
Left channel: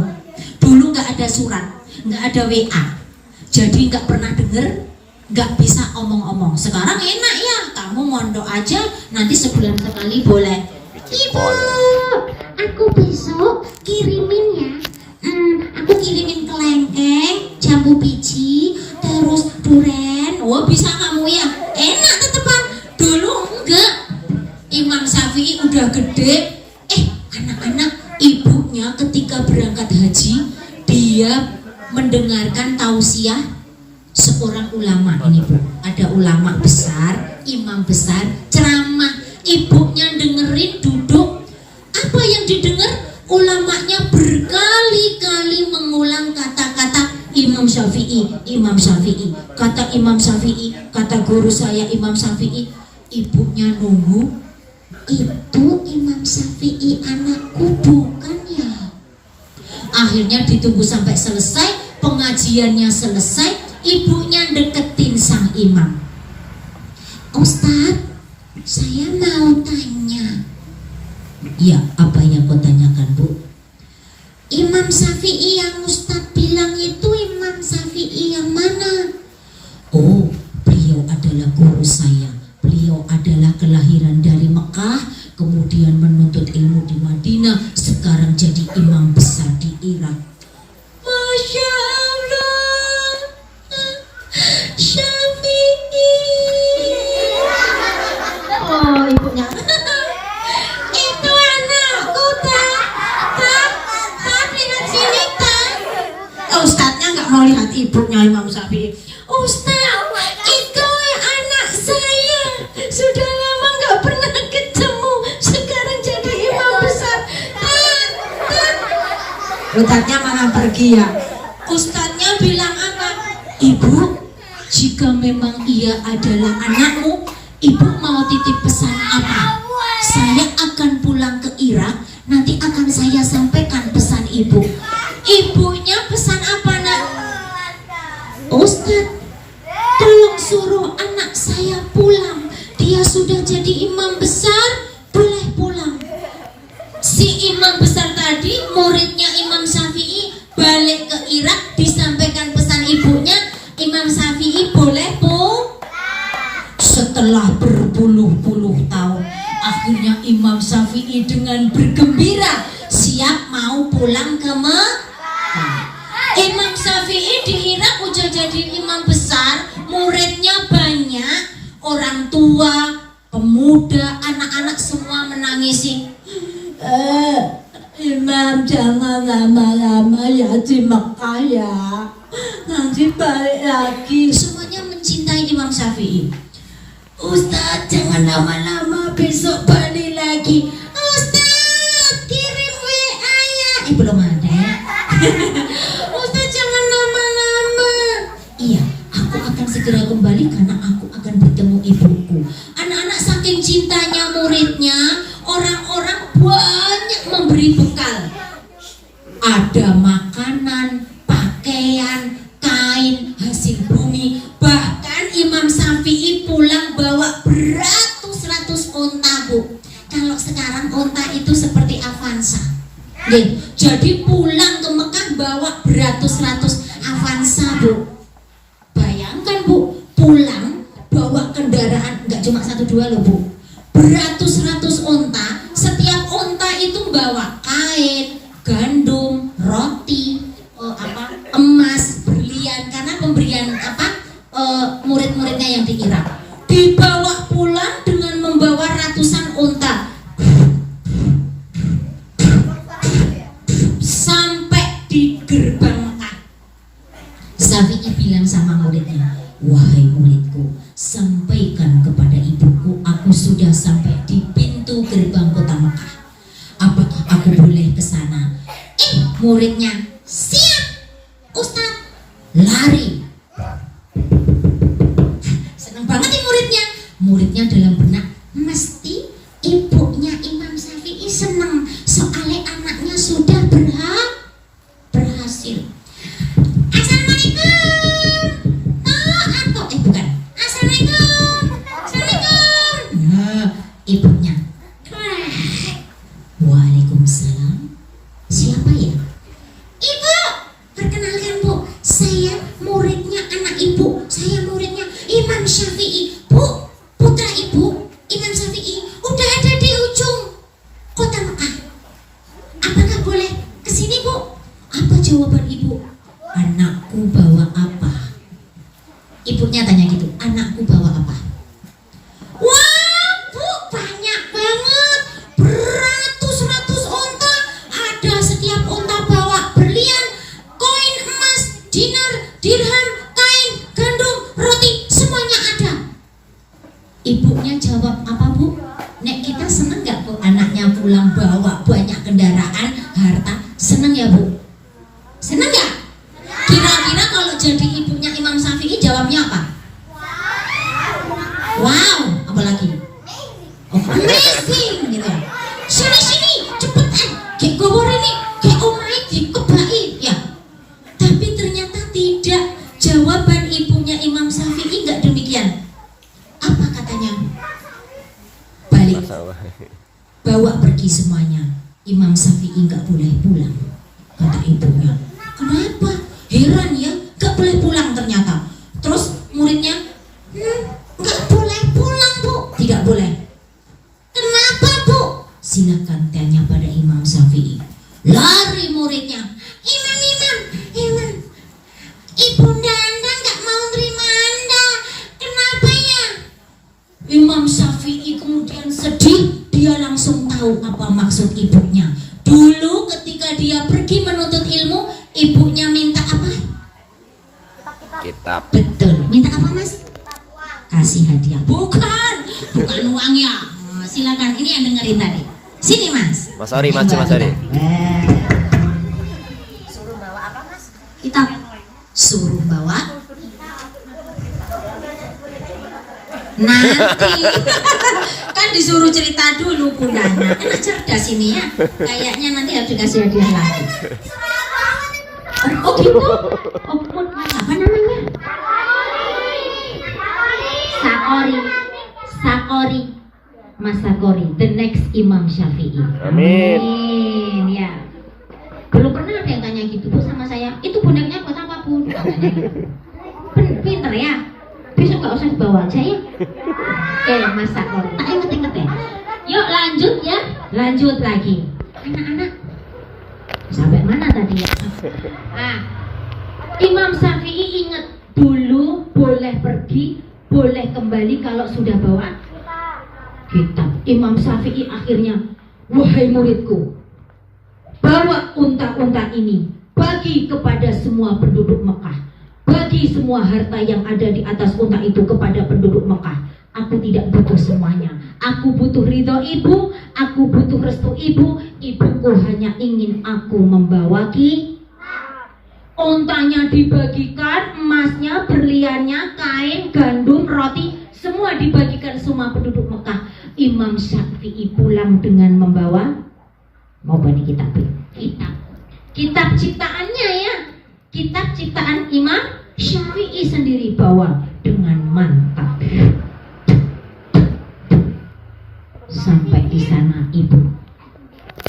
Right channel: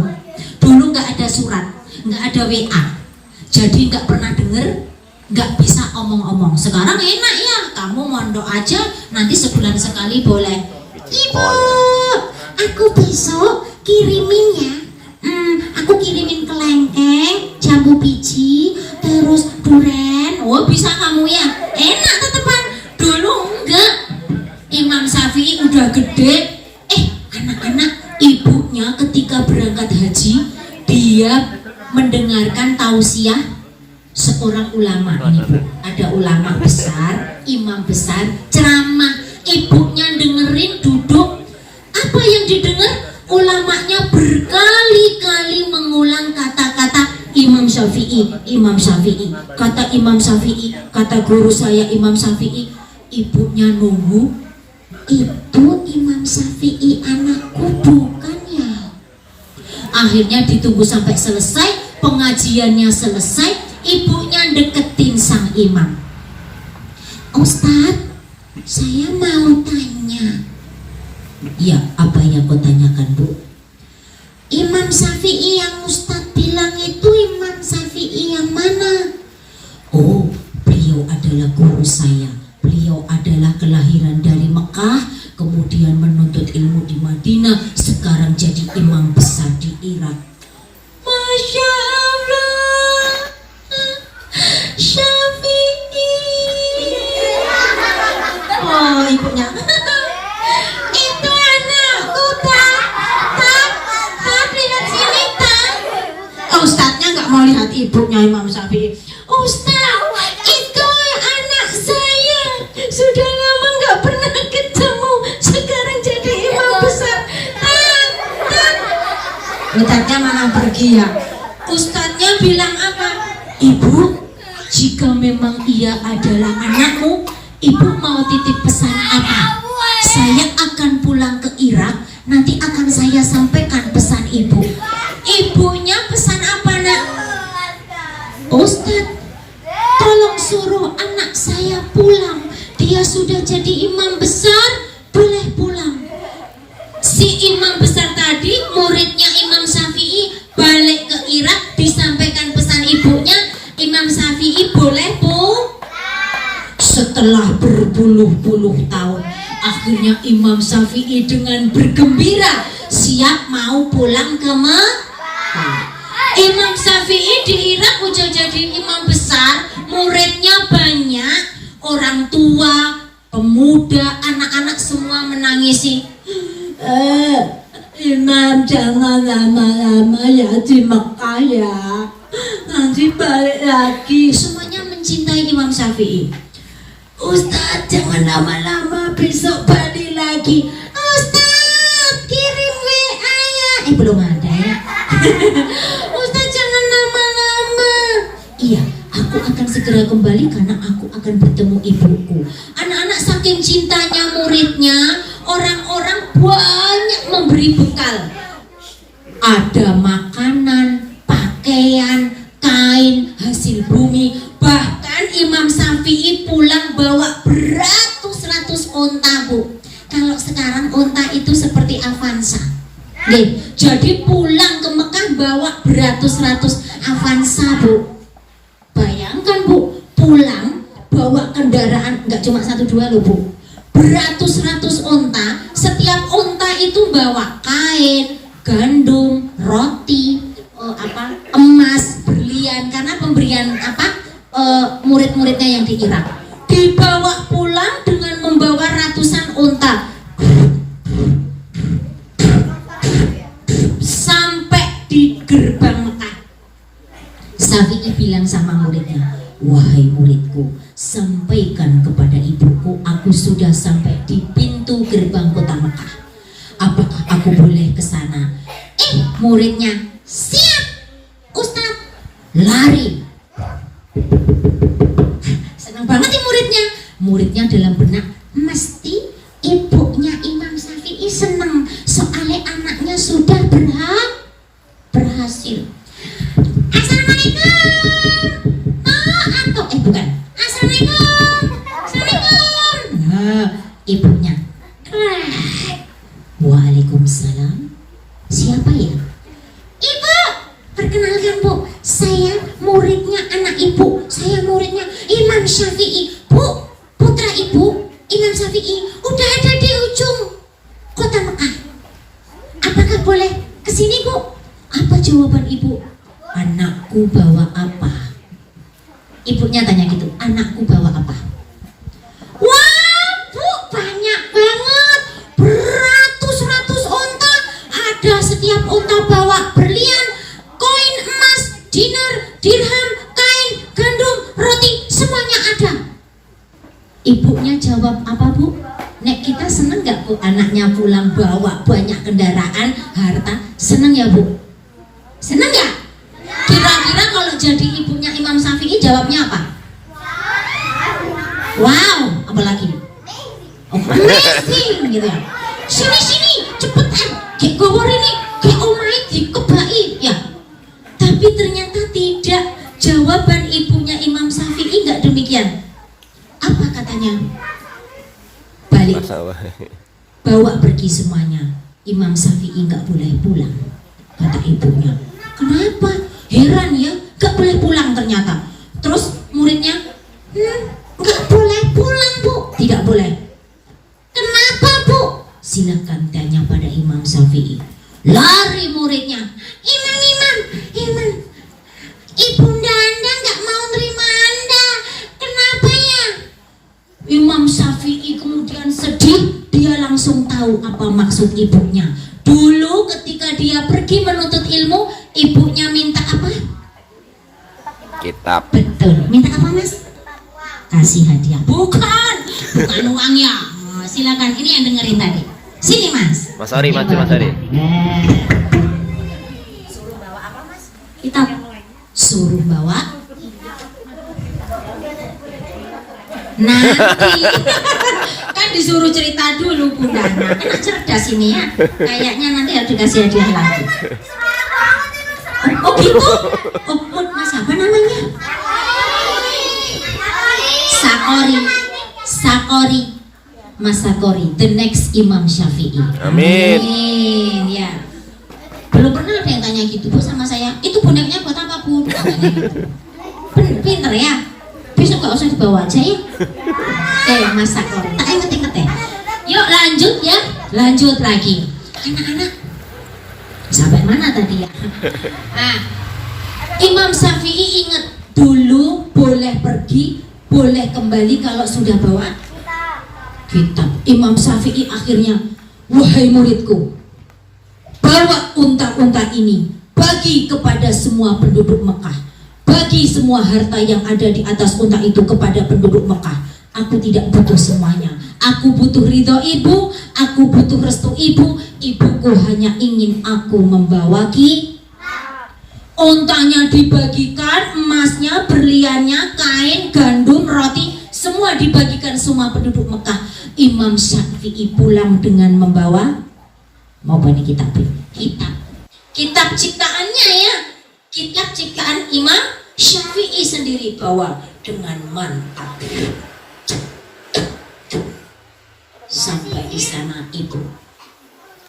Dulu nggak ada surat, nggak ada WA. Jadi nggak pernah denger, nggak bisa omong-omong. Sekarang enak ya, kamu mondok aja, nanti sebulan sekali boleh. Ibu, aku besok kirimin ya. Aku kirimin kelengkeng, jambu biji, terus duren. Oh bisa kamu ya? Enak tetepan. Dulu enggak. Imam Syafi'i udah gede. Anak-anak, ibunya ketika berangkat haji, dia mendengarkan tausiah seorang ulama ini Bu. Ada ulama besar, imam besar, ceramah. Ibunya dengerin, duduk. Apa yang didengar? Ulamanya berkali-kali mengulang kata-kata Imam Syafi'i, Imam Syafi'i. Kata Imam Syafi'i, kata guru saya Imam Syafi'i. Ibunya nunggu, "Itu Imam Syafi'i anakku bukan ya?" Akhirnya ditunggu sampai selesai, pengajiannya selesai. Ibunya deketin sang imam. "Ustadz, saya mau tanya." "Ya, apa yang kau tanyakan Bu?" "Imam Syafi'i yang Ustadz bilang itu Imam Syafi'i yang mana?" "Oh, beliau adalah guru saya. Beliau adalah kelahiran dari Mekah, kemudian menuntut ilmu di Madinah, sekarang jadi imam besar di Irak." Masya Allah, Syafi'i. Oh, ibunya. Itu anakku, tak lihat sini, tak. Ustadznya nggak mau lihat ibunya Imam Syafi'i. "Ustadz, itu anak saya. Sudah lama nggak pernah ketemu. Sekarang jadi imam besar." Ustadznya malah pergi ya. Ustadznya bilang apa? "Ibu, jika memang ia adalah anakmu, ibu mau titip pesan apa? Saya akan pulang ke Irak, nanti akan saya sampaikan pesan ibu." Ibunya pesan apa nak? "Ustadz, tolong suruh anak saya pulang. Dia sudah jadi imam besar, boleh pulang." Si imam besar tadi, muridnya Imam Syafi'i, balik ke Irak, disampaikan pesan ibunya. Imam Syafi'i boleh pulang. Setelah berpuluh-puluh tahun, akhirnya Imam Syafi'i dengan bergembira siap mau pulang ke Mekah. Imam Syafi'i di Irak udah jadi imam besar, muridnya banyak, orang tua, pemuda, anak-anak semua menangisi. Imam jangan lama-lama ya di Mekah ya, nanti balik lagi. Semuanya mencintai Imam Syafi'i. Ustaz jangan lama-lama, besok balik lagi. Ustaz kirim WA ya. Belum ada ya. Ustaz jangan lama-lama. Iya, aku akan segera kembali karena aku akan bertemu ibuku. Anak-anak saking cintanya muridnya, orang-orang banyak memberi bekal. Ada makanan, pakaian, kain, hasil bumi. Bahkan Imam Syafi'i pulang bawa beratus-ratus onta, Bu. Kalau sekarang onta itu seperti Avanza. Jadi pulang ke Mekah bawa beratus-ratus Avanza, Bu. Bayangkan, Bu, pulang bawa kendaraan nggak cuma 1-2 loh, Bu. Beratus-ratus onta, setiap onta itu bawa kain, gandum, roti, emas, berlian, karena pemberian murid-muridnya yang di Irak. Dibawa pulang dengan membawa ratusan onta. Sampai di gerbang Mekah, Syafi'i bilang sama muridnya, wahai muridku, sampaikan kepada ibuku aku sudah sampai di pintu gerbang kota Mekah. Apakah aku boleh ke sana? Muridnya, siap Ustaz. Lari. Senang banget nih muridnya. Muridnya dalam benak, mesti ibunya Imam Syafi'i senang soalnya anaknya sudah berhasil. Assalamualaikum. Bukan. Assalamualaikum. Nah, ibunya. Waalaikumsalam. Siapa ya? Ibu, perkenalkan Bu, saya muridnya anak ibu. Saya muridnya Imam Syafi'i. Bu, putra ibu Imam Syafi'i udah ada di ujung kota Mekah. Apakah boleh kesini, Bu? Apa jawaban ibu? Anakku bawa apa? Ibunya tanya gitu, anakku bawa apa? Wah, Bu, banyak banget, beratus-ratus onta. Ada setiap onta bawa berlian, koin emas, dinar, dirham, kain, gandum, roti, semuanya ada. Ibunya jawab apa, Bu? Nek kita seneng gak, Bu, anaknya pulang bawa banyak kendaraan, harta? Seneng ya, Bu? Seneng gak? Kira-kira kalau jadi ibunya Imam Syafi'i jawabnya apa? Wow, apalagi? Amazing gitu ya. Sini cepetan, kayak gowor ini, kayak omai dikebai ya. Tapi ternyata tidak. Jawaban ibunya Imam Syafi'i nggak demikian. Apa katanya? Balik, bawa pergi semuanya. Imam Syafi'i nggak boleh pulang, kata ibunya. Kenapa? Heran ya, gak boleh pulang ternyata. Terus muridnya, gak boleh pulang, Bu. Tidak boleh. Kenapa, Bu? Silakan tanya pada Imam Syafi'i. Lari muridnya. Imam, Ibunda Anda gak mau terima Anda. Kenapa ya? Imam Syafi'i kemudian sedih. Dia langsung tahu apa maksud ibunya. Dulu ketika dia pergi menuntut ilmu, ibunya minta apa? Kitab. Betul. Minta apa, Mas? Kasih hadiah. Bukan uang ya. Silakan, ini yang dengerin tadi. Sini, Mas. Mas Ari, Mas Ari. Suruh bawa apa, Mas? Kitab. Suruh bawa. Nanti kan disuruh cerita dulu Bundanya. Kan cerdas ini ya. Kayaknya nanti harus dikasih hadiah lagi. Oh gitu? Oh, Mas apa namanya? Sakori. Mas Sakori, the next Imam Syafi'i. Amin. Ya. Belum pernah ada yang tanya gitu, Bu, sama saya. Itu boneknya buat apa, Bu? Katanya gitu. Pinter ya. Besok gak usah dibawa aja ya. Mas Sakori, tak inget-inget ya. Yuk lanjut ya. Lanjut lagi. Anak-anak. Sampai mana tadi ya? Imam Syafi'i ingat dulu boleh pergi, boleh kembali kalau sudah bawa kitab. Imam Syafi'i akhirnya, wahai muridku, bawa unta-unta ini, bagi kepada semua penduduk Mekah, bagi semua harta yang ada di atas unta itu kepada penduduk Mekah. Aku tidak butuh semuanya. Aku butuh ridho ibu, aku butuh restu ibu. Ibuku hanya ingin aku membawa untanya dibagikan, emasnya, berliannya, kain, gandum, roti, semua dibagikan semua penduduk Mekah. Imam Syafi'i pulang dengan membawa mau bani kitab ciptaannya ya, kitab ciptaan Imam Syafi'i sendiri bawa dengan mantap. Sampai di sana, ibu,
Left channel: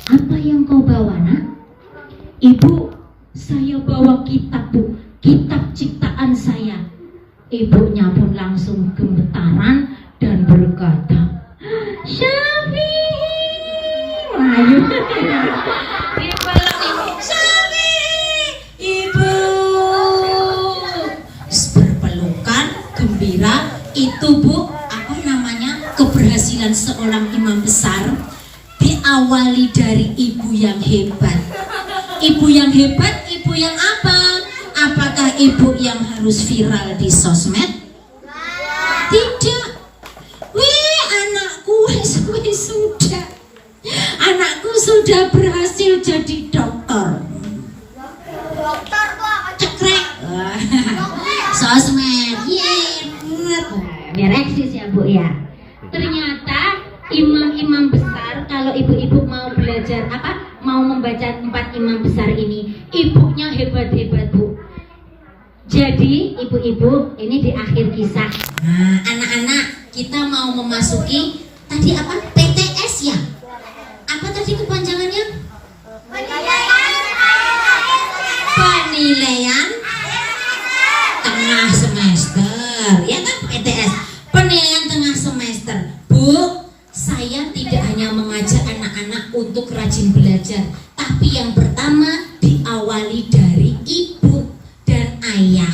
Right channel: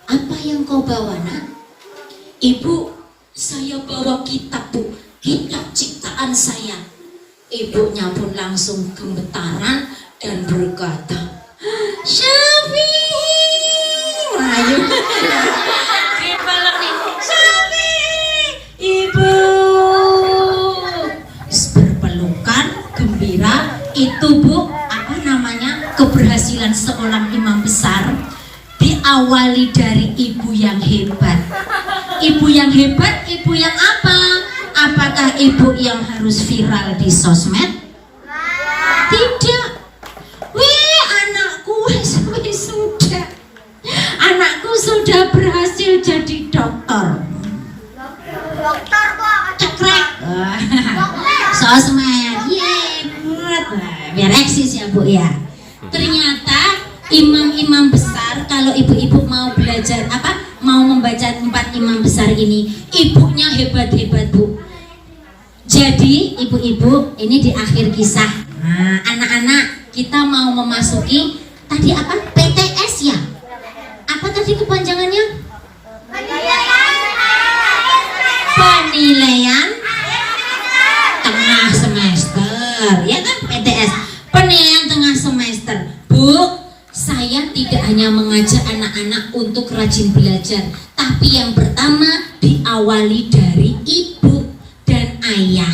apa yang kau bawa nak? Ibu, saya bawa kitab bu, kitab ciptaan saya. Ibunya pun langsung gemetaran dan berkata, Syafi'i, ayo, Syafi'i, ibu, berpelukan, gembira. Itu bu, apa namanya, keberhasilan seorang imam besar diawali dari ibu yang hebat. Ibu yang hebat, ibu yang apa? Apakah ibu yang harus viral di sosmed? Tidak. Wih, anakku sudah. Anakku sudah berhasil jadi dokter. Cekrek. Sosmed. Biar eksis ya bu ya. Ternyata imam-imam besar, kalau ibu-ibu mau belajar mau membaca 4 imam besar ini, ibunya hebat-hebat bu. Jadi ibu-ibu, ini di akhir kisah. Nah, anak-anak, kita mau memasuki tadi apa? PTS ya? Apa tadi kepanjangannya? Penilaian tengah semester, ya kan? PTS, penilaian tengah semester. Bu, saya tidak hanya mengajak anak-anak untuk rajin belajar, tapi yang pertama diawali dari ibu dan ayah.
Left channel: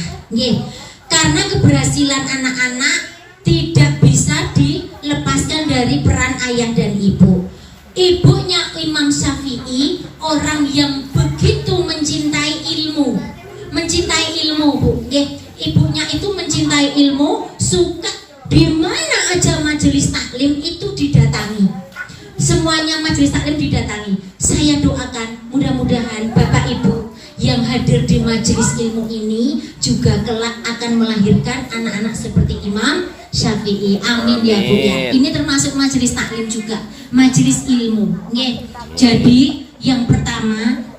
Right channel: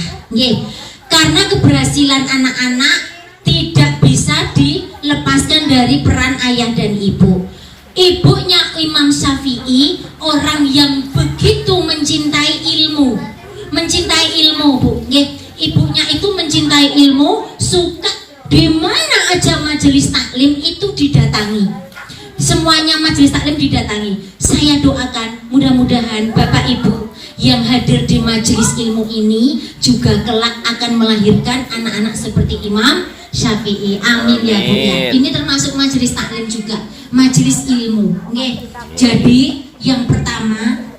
Karena keberhasilan anak-anak tidak bisa dilepaskan dari peran ayah dan ibu. Ibunya Imam Syafi'i orang yang begitu mencintai ilmu, bu. Ibunya itu mencintai ilmu, suka di mana aja majelis taklim itu didatangi. Semuanya majelis taklim didatangi. Saya doakan mudah-mudahan Bapak Ibu yang hadir di majelis ilmu ini juga kelak akan melahirkan anak-anak seperti Imam Syafi'i. Amin ya Bu ya. Ini termasuk majelis taklim juga, majelis ilmu. Jadi yang pertama,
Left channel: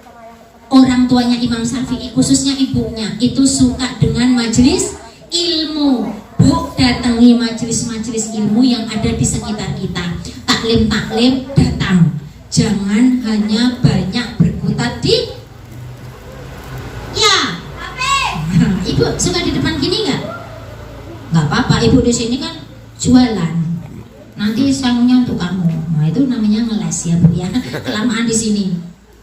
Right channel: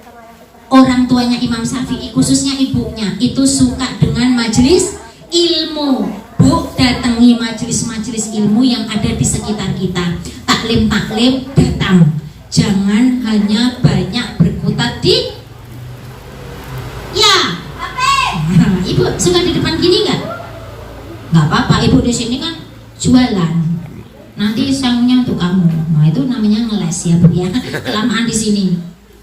orang tuanya Imam Syafi'i, khususnya ibunya, itu suka dengan majelis ilmu. Bu, datangi majelis-majelis ilmu yang ada di sekitar kita. Taklim-taklim datang. Jangan hanya banyak berkutat di ibu suka di depan gini nggak? Nggak apa-apa, ibu di sini kan jualan. Nanti sanggunya untuk kamu. Nah itu namanya ngeles ya bu ya. Kelamaan di sini.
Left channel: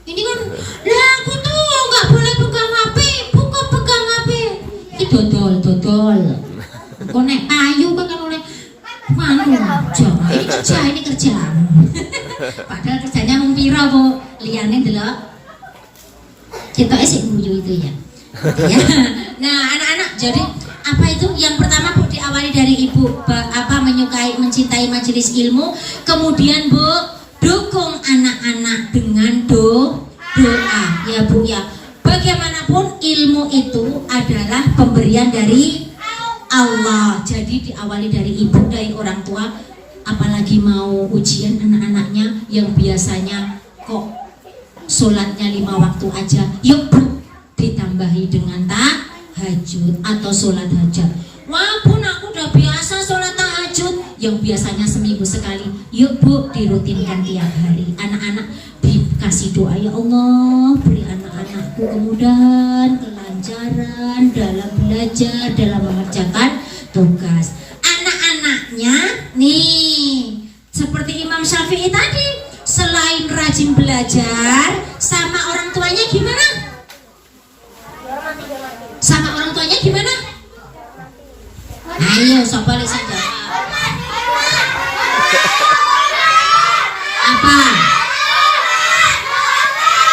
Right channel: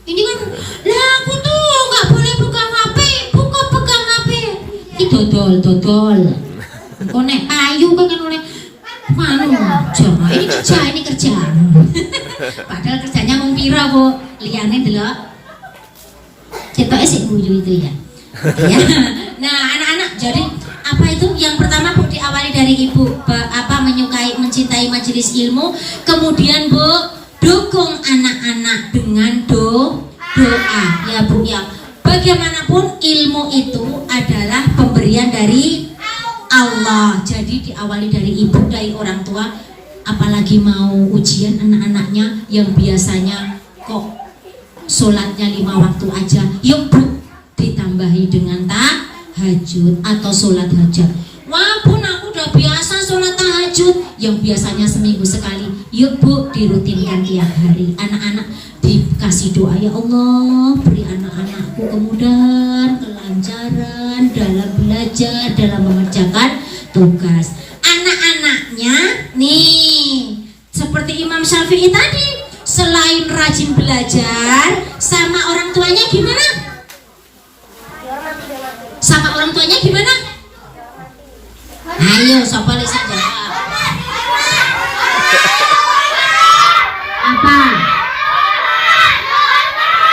Ini kan, lah aku tuh nggak boleh pegang HP. Buka pegang HP. Ini dodol. Konek payu kan oleh jangan. Ini kerja. Padahal kerjanya mempira bu. Liane delok. Kita esik buju itu ya. Nah anak-anak, jadi apa itu yang pertama bu, diawali dari ibu mencintai majelis ilmu. Kemudian bu, dukung anak-anak dengan doa ya bu ya. Bagaimanapun ilmu itu adalah pemberian dari Allah. Jadi diawali dari ibu, dari orang tua. Apalagi mau ujian anak-anaknya yang biasanya kok sholatnya 5 waktu aja, yuk bu ditambahi dengan tahajud atau sholat hajat. Wah bun, aku udah biasa sholat tahajud yang biasanya seminggu sekali. Yuk bu, dirutinkan tiap hari. Anak-anak dikasih doa, ya Allah beri anak-anakku kemudahan, kelancaran dalam belajar, dalam mengerjakan tugas. Anak-anaknya nih seperti Imam Syafi'i tadi, selain rajin belajar, sama orang tuanya gimana? Ayo, siapa yang bisa jawab? Apa?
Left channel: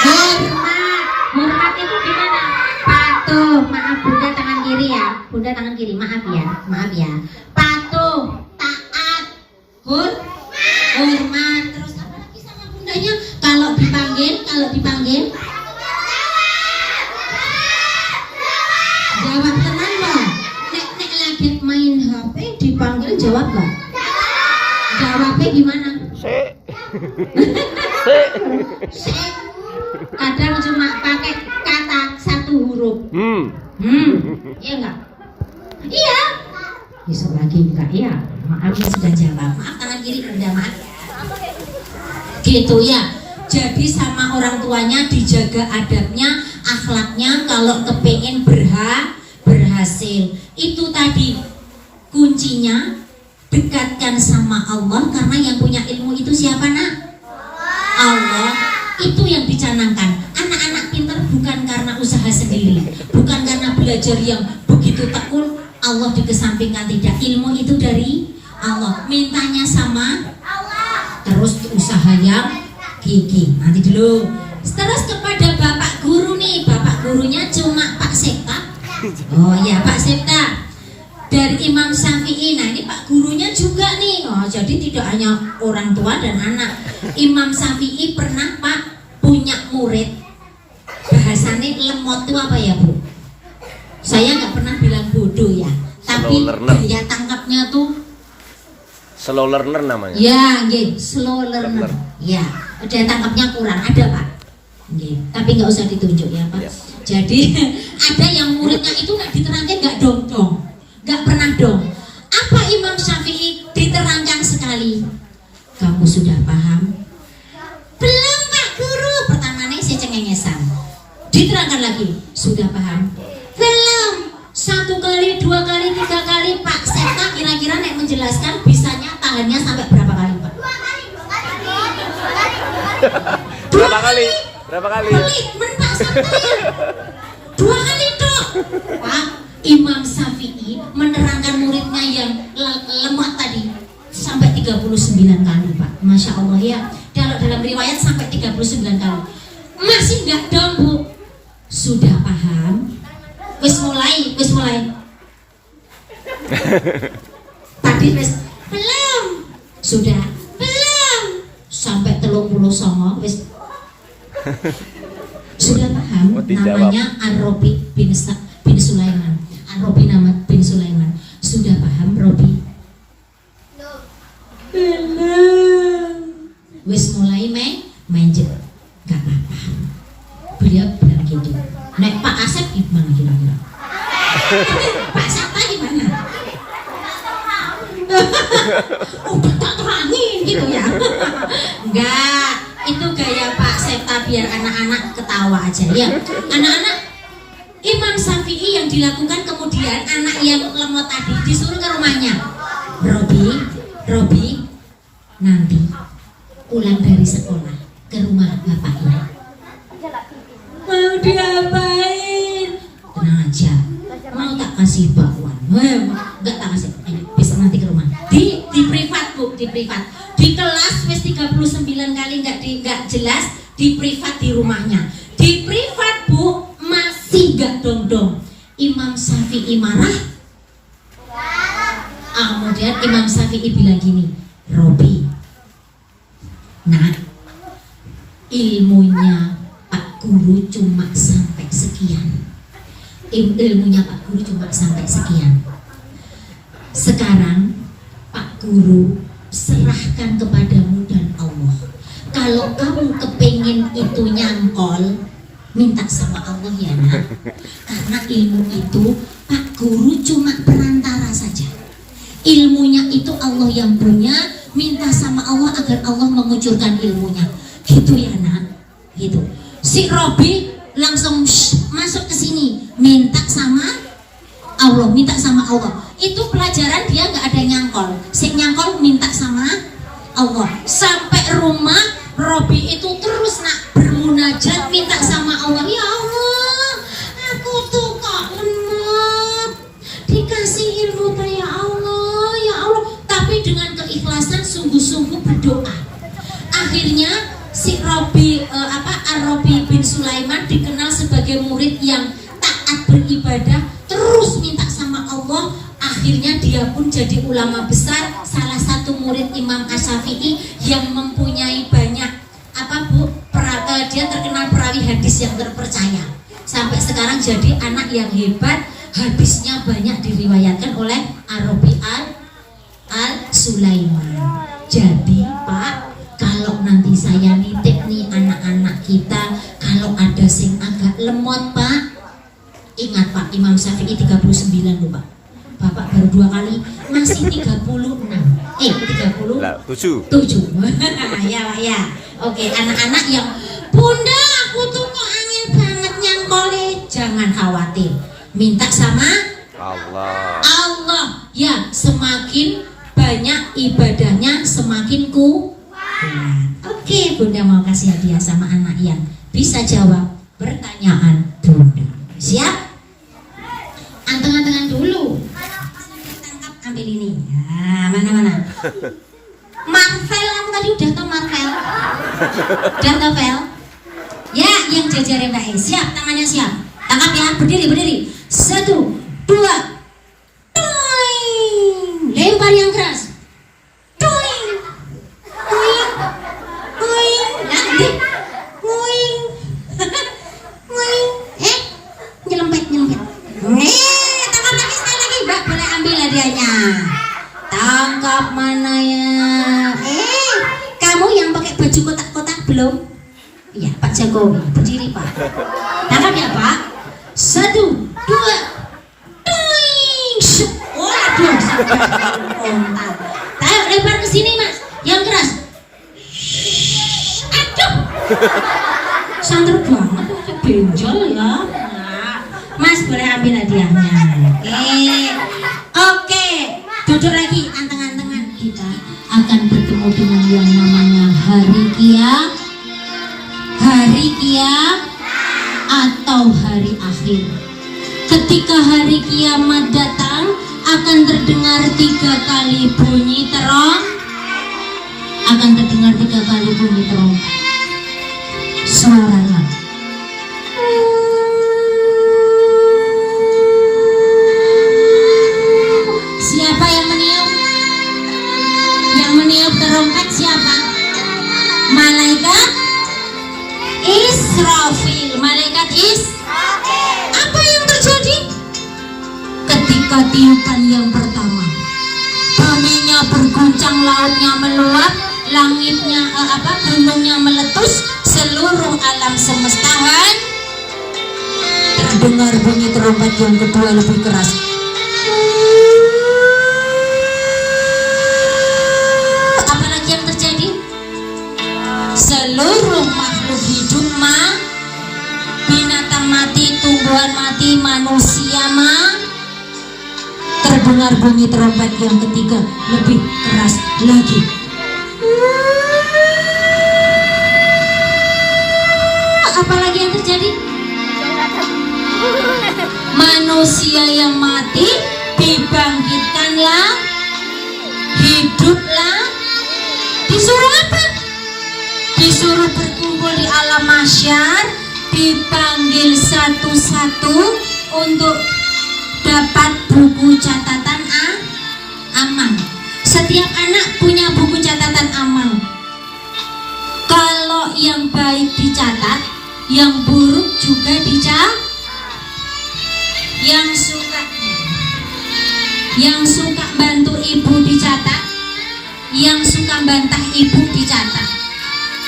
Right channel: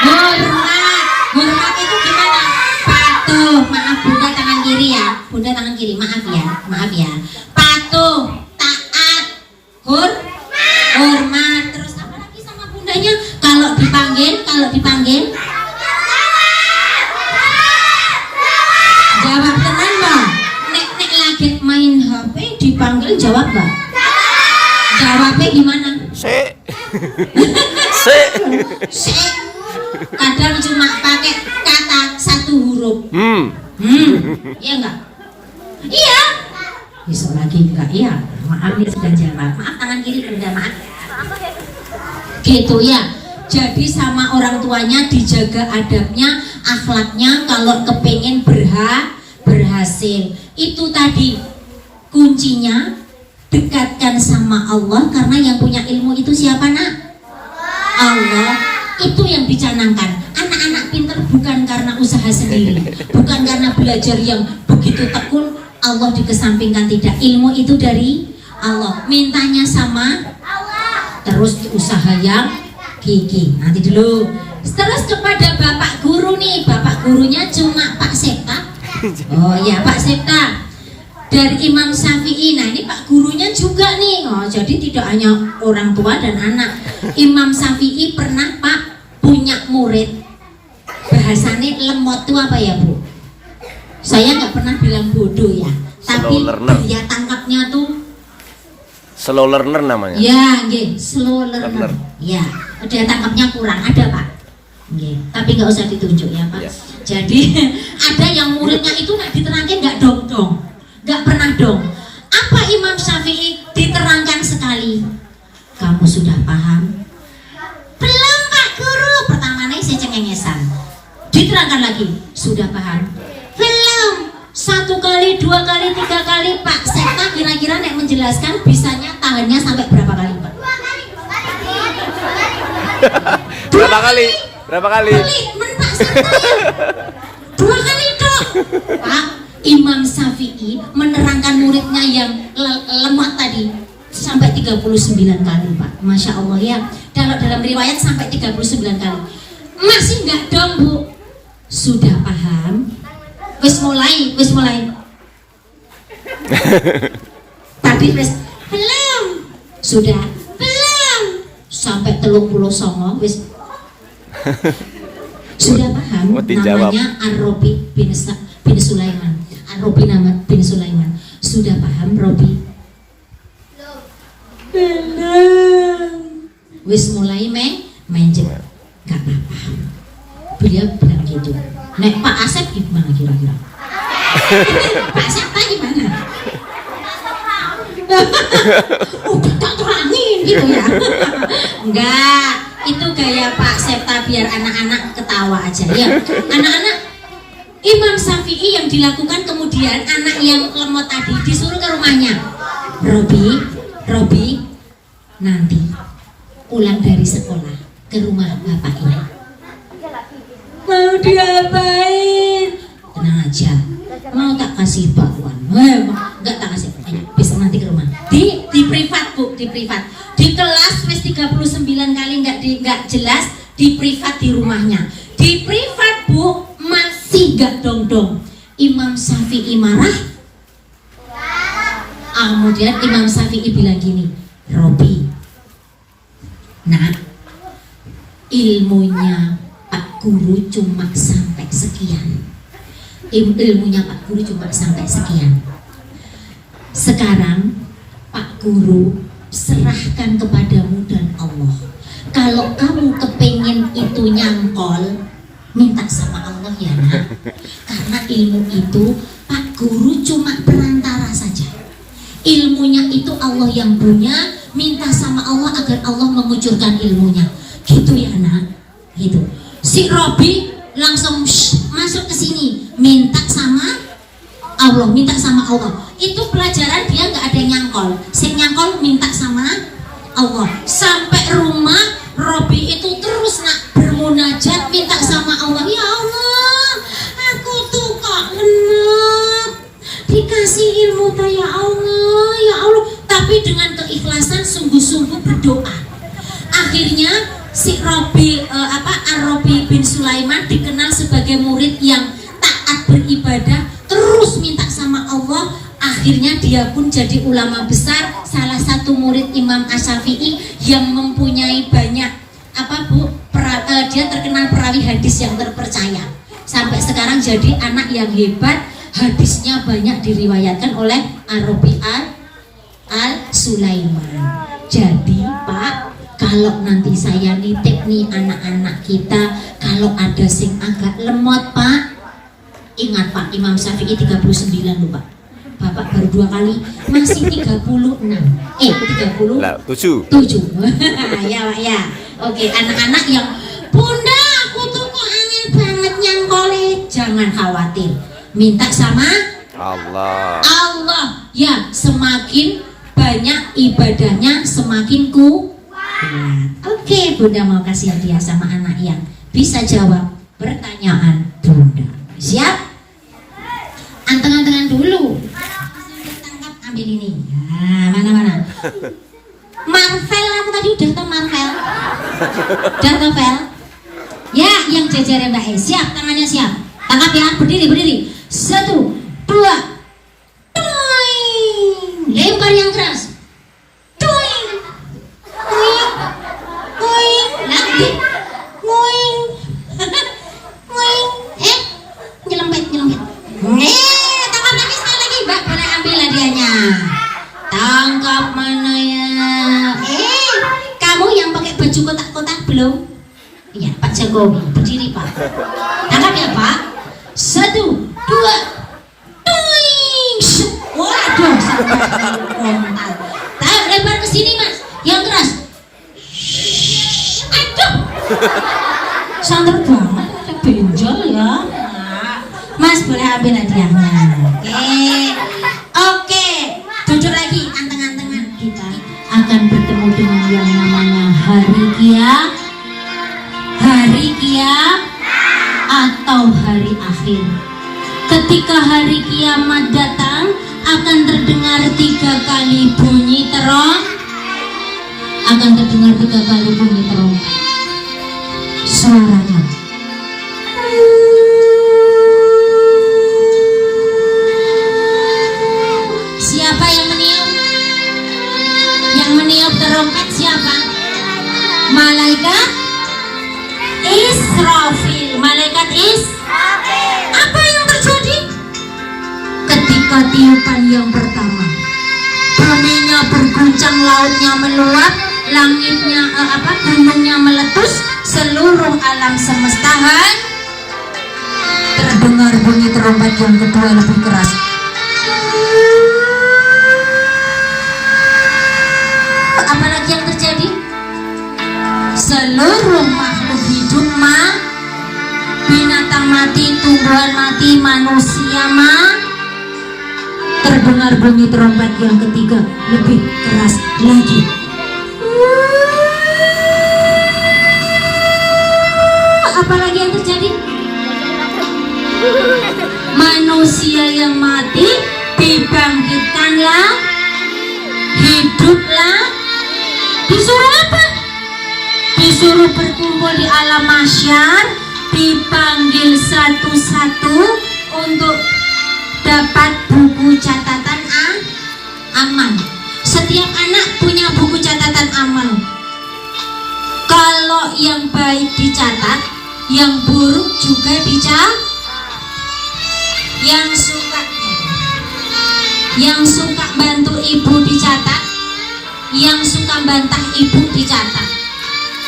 Hormat. Hormat itu gimana? Patuh. Maaf, Bunda tangan kiri ya. Bunda tangan kiri. Maaf ya. Maaf ya. Patuh, taat, hormat. Terus apa lagi sama bundanya? Kalau dipanggil. Jawab tenan loh. Nek lagi main HP dipanggil jawab gak? Jawabnya gimana? Se. Kadang cuma pakai kata satu huruf. Iya enggak? Iya. Besok lagi enggak iya. Maaf ya sudah jawab. Maaf tangan kiri Bunda, maaf ya. Gitu ya. Jadi sama orang tuanya dijaga adabnya, akhlaknya kalau kepengen berhasil. Itu tadi kuncinya, dekatkan sama Allah karena yang punya ilmu itu siapa nak? Allah. Itu yang dicanangkan. Anak-anak pintar bukan karena usaha sendiri, bukan karena belajar yang begitu tekun, Allah dikesampingkan, tidak. Ilmu itu dari Allah. Mintanya sama Allah. Terus usaha yang gigi. Nanti dulu. Terus kepada Bapak Guru nih. Bapak gurunya cuma Pak Septa. Oh ya Pak Septa. Dari Imam Syafi'i. Nah ini Pak gurunya juga nih. Oh jadi tidak hanya orang tua dan anak. Imam Syafi'i pernah Pak punya murid. Bahasanya lemot itu apa ya Bu? Saya nggak pernah bilang bodoh ya. Tapi daya tangkapnya tuh Slow learner namanya. ya, nggih, slow learner. Ya, daya tangkapnya kurang, ada Pak. Nggih, tapi nggak usah ditunjuk ya Pak. Ya. Jadi ada yang muridnya itu nggak diterangkan nggak dong, nggak pernah dong. Apa Imam Syafi'i diterangkan sekali? Kamu sudah paham? Belum Pak Guru. Pertamanya saya cengengesan. Diterangkan lagi, sudah paham? Belum. 1 kali, 2 kali, 3 kali Pak Septa kira-kira nek menjelaskan bisanya tahannya sampai berapa kali Pak? Berapa kali? Berapa kali? Mentak santai. 2 kali dok. Pak Imam Syafi'i menerangkan muridnya yang lemah tadi sampai 39 kali Pak. Masya Allah ya. Dalam riwayat sampai 39 kali. Masih enggak dong Bu? Sudah paham? Wis mulai. Tadi wis belum. Sudah belum. Sampai 39 wis. Sudah paham? Namanya Ar-Robi bin Sulaiman. Ar-Robi nama bin Sulaiman. Sudah paham Robi? Belum. Wis mulai menjet. Gak apa-apa. Beliau bilang gitu. Nek Pak Asep gimana kira-kira? Pak Septa gimana? Udah tak terangin gitu ya? Enggak, itu gaya Pak Septa biar anak-anak ketawa aja ya. Anak-anak, Imam Syafi'i yang dilakukan kemudian anak yang lemot tadi disuruh ke rumahnya. Robi, nanti pulang dari sekolah ke rumah bapak ini. Mau diapain? Tenang aja, mau tak kasih bakwan. Enggak tak kasih. Bisa nanti ke rumah. Di privat Bu, di privat. Di kelas wis 39 kali enggak jelas, di privat di rumahnya. Di privat Bu masih enggak dong. Imam Syafi'i marah. Kemudian Imam Syafi'i bilang gini, Robi, nah ilmunya Pak Guru cuma sampai sekian. Ilmunya Pak Guru cuma sampai sekian. Sekarang Pak Guru serahkan kepadamu dan Allah. Kalau kamu kepengen itu nyangkol, minta sama Allah ya nak. Karena ilmu itu Pak Guru cuma perantara saja. Ilmunya itu Allah yang punya. Minta sama Allah agar Allah mengucurkan ilmunya. Gitu ya nak. Gitu. Si Robi langsung masuk ke sini, minta sama Allah, Itu pelajaran dia nggak ada nyangkol. Si nyangkol minta sama Allah. Sampai rumah Robi itu terus nak bermunajat minta sama Allah. Ya Allah, aku tuh kok lemot, dikasih ilmu ya Allah. akhirnya si Ar-Rabi bin Sulaiman dikenal sebagai murid yang taat beribadah, terus minta sama Allah. Akhirnya dia pun jadi ulama besar, salah satu murid Imam Asy-Syafi'i yang mempunyai banyak dia terkenal perawi hadis yang terpercaya. Sampai sekarang jadi anak yang hebat, hadisnya banyak diriwayatkan oleh Ar-Rabi al-Sulaiman. Jadi Pak, kalau nanti saya nitip nih anak-anak kita, kalau ada sing agak lemot Pak, ingat Pak, Imam Syafi'i 39 loh Pak. Bapak baru 2 kali, masih 36. 37. Ya Pak ya. Oke, anak-anak yang Bunda, aku tuh kok angin banget nyangkole, jangan khawatir. Minta sama Allah. Ya, semakin banyak ibadahnya semakin kuat. Oke, Bunda mau kasih hadiah sama anak yang bisa jawab pertanyaan Bunda. Siap? Anteng-antengan dulu. Tangkap, ambil ini. Nah, mana? Marvel, aku tadi udah tau Marvel. Dan novel. Ya, yang jajarin Mbak E. Siap, tangannya siap. Tangkap ya, berdiri. 1, 2. Toing. Lempar yang keras. Toing. Toing. Nanti. Toing. Toing. Nyelempet. Tangkap lagi sekali lagi, Mbak. Boleh ambil hadiahnya. Tangkap mana ya? Kamu yang pakai baju kotak-kotak belum? Iya, Pak Jokowi. Berdiri, Pak. Tangkap ya, Pak. 1, 2. Toing. Waduh. Tayo, lempar ke sini, Mas. Yang keras. Aduh. Santer banget, benjol ya. Mas, boleh ambil hadiahnya. Oke. Duduk lagi, anteng-antengan. Kita akan bertemu dengan yang namanya hari kiamat atau hari akhir. Ketika hari kiamat datang, akan terdengar 3 kali bunyi terompet. Suaranya siapa yang meniup? Yang meniup terompet siapa? Malaikat Israfil. Apa yang terjadi? Ketika tiupan yang pertama, buminya berguncang, lautnya meluap, langitnya gunungnya meletus, seluruh alam semesta terdengar bunyi terompet yang kedua lebih keras. Apalagi yang terjadi? Seluruh makhluk hidup binatang mati, tumbuhan mati, manusia terdengar bunyi terompet yang ketiga lebih keras lagi. Apalagi yang terjadi? Manusia yang mati dibangkitkanlah, hiduplah. Disuruh apa? Disuruh berkumpul di alam mahsyar, dipanggil satu-satu untuk dapat buku catatan amal. Setiap anak punya buku catatan amal. Kalau yang baik dicatat, yang buruk juga dicatat. Yang suka bantu ibu dicatat, yang suka bantah ibu dicatat,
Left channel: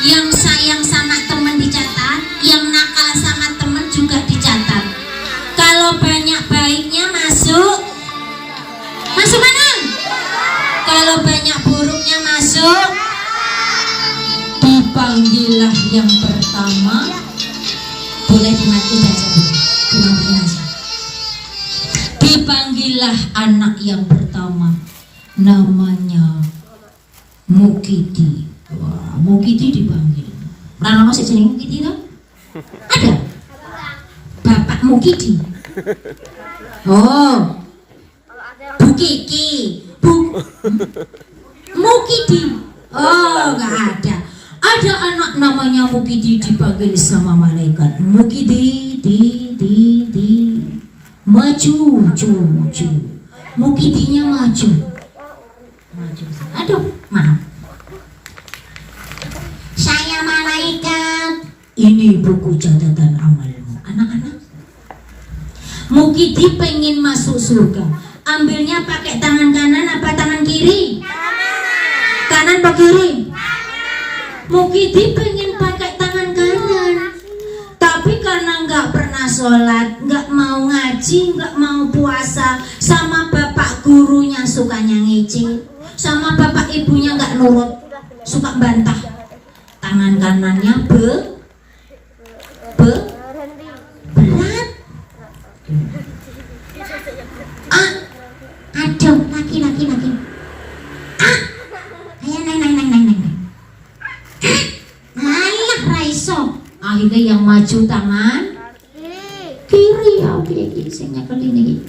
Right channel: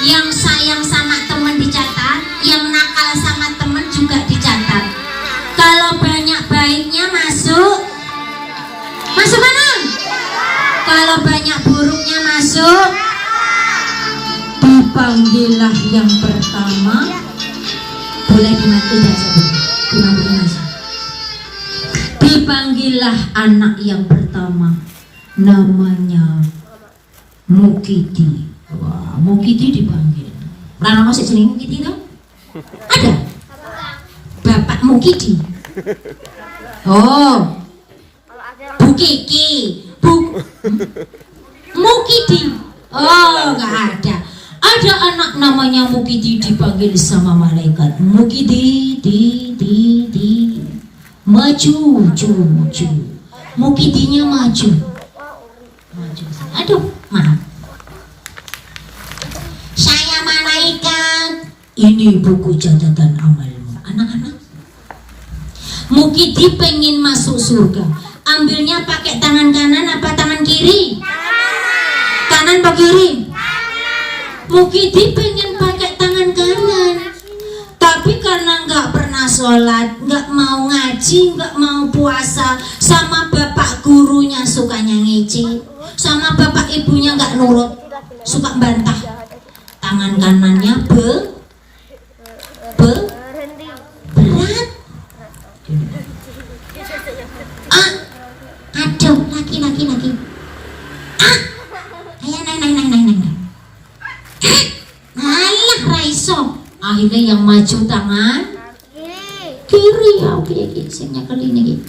yang sayang sama teman dicatat, yang nakal sama teman juga dicatat. Kalau banyak baiknya masuk mana? Kalau banyak buruknya masuk. Dipanggillah yang pertama. Boleh dimatikan saja. Dipanggillah anak yang pertama, namanya Mukidi. Wah, Mukidi dipanggil. Karena masih jeneng Mukidi toh? Ada? Bapak Mukidi. Oh, Bu Kiki, Mukidi. Oh, nggak ada. Ada anak namanya Mukidi dipanggil sama malaikat. Mukidi, maju, ju. Mukidinya maju. Aduh, maaf. Saya malaikat. Ini buku catatan amalmu. Anak-anak. Mukidi pengen masuk surga. Ambilnya pakai tangan kanan apa tangan kiri? Kanan apa kiri? Mukidi pengen pakai tangan kanan, tapi karena nggak pernah sholat, nggak mau ngaji, nggak mau puasa, sama bapak gurunya sukanya ngece, sama bapak ibunya nggak nurut, suka bantah. Tangan kanannya berat. Aduh, laki. Nang. Alah raiso. Akhirnya yang maju tangan kiri ya, oke, sing nyekel ini.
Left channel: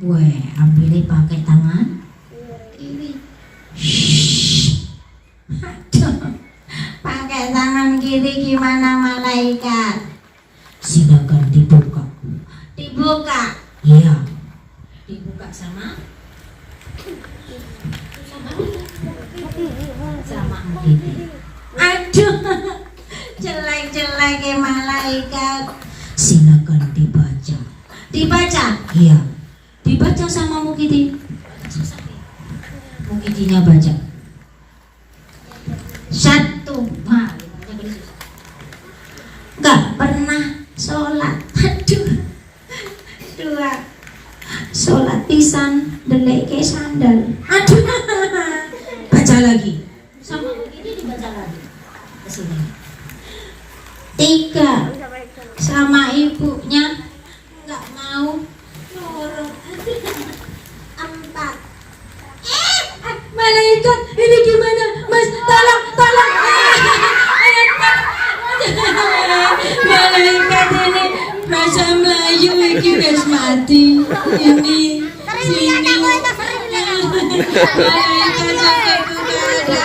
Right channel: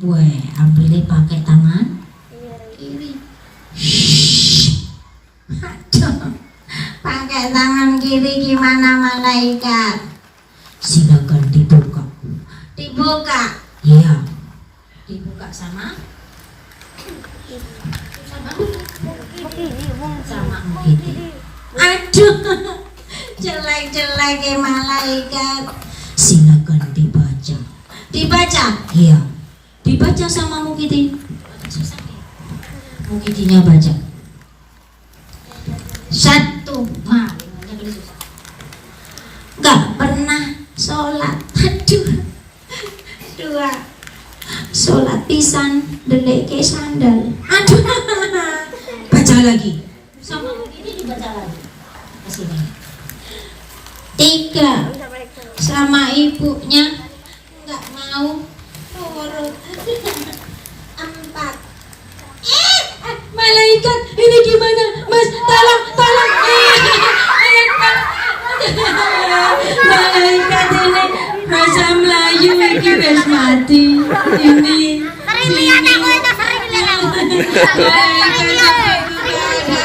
Weh, ambilnya pakai tangan kiri. Aduh, pakai tangan kiri gimana malaikat? Silakan dibuka. Iya. Dibuka sama Mukidi. Aduh, jelek malaikat. Silakan dibaca. Iya. Dibaca sama Mukidi. Mukidinya baca. 1. Gak pernah sholat. Aduh. 2. Sholat pisan deleke sandal. Aduh. Baca lagi. Sama Mukidi dibaca lagi. Kesini. 3. Sama ibunya nggak mau nurut. 4. Malaikat ini gimana mas, tolong malaikat ini bahasa Melayu ini wis mati ini sini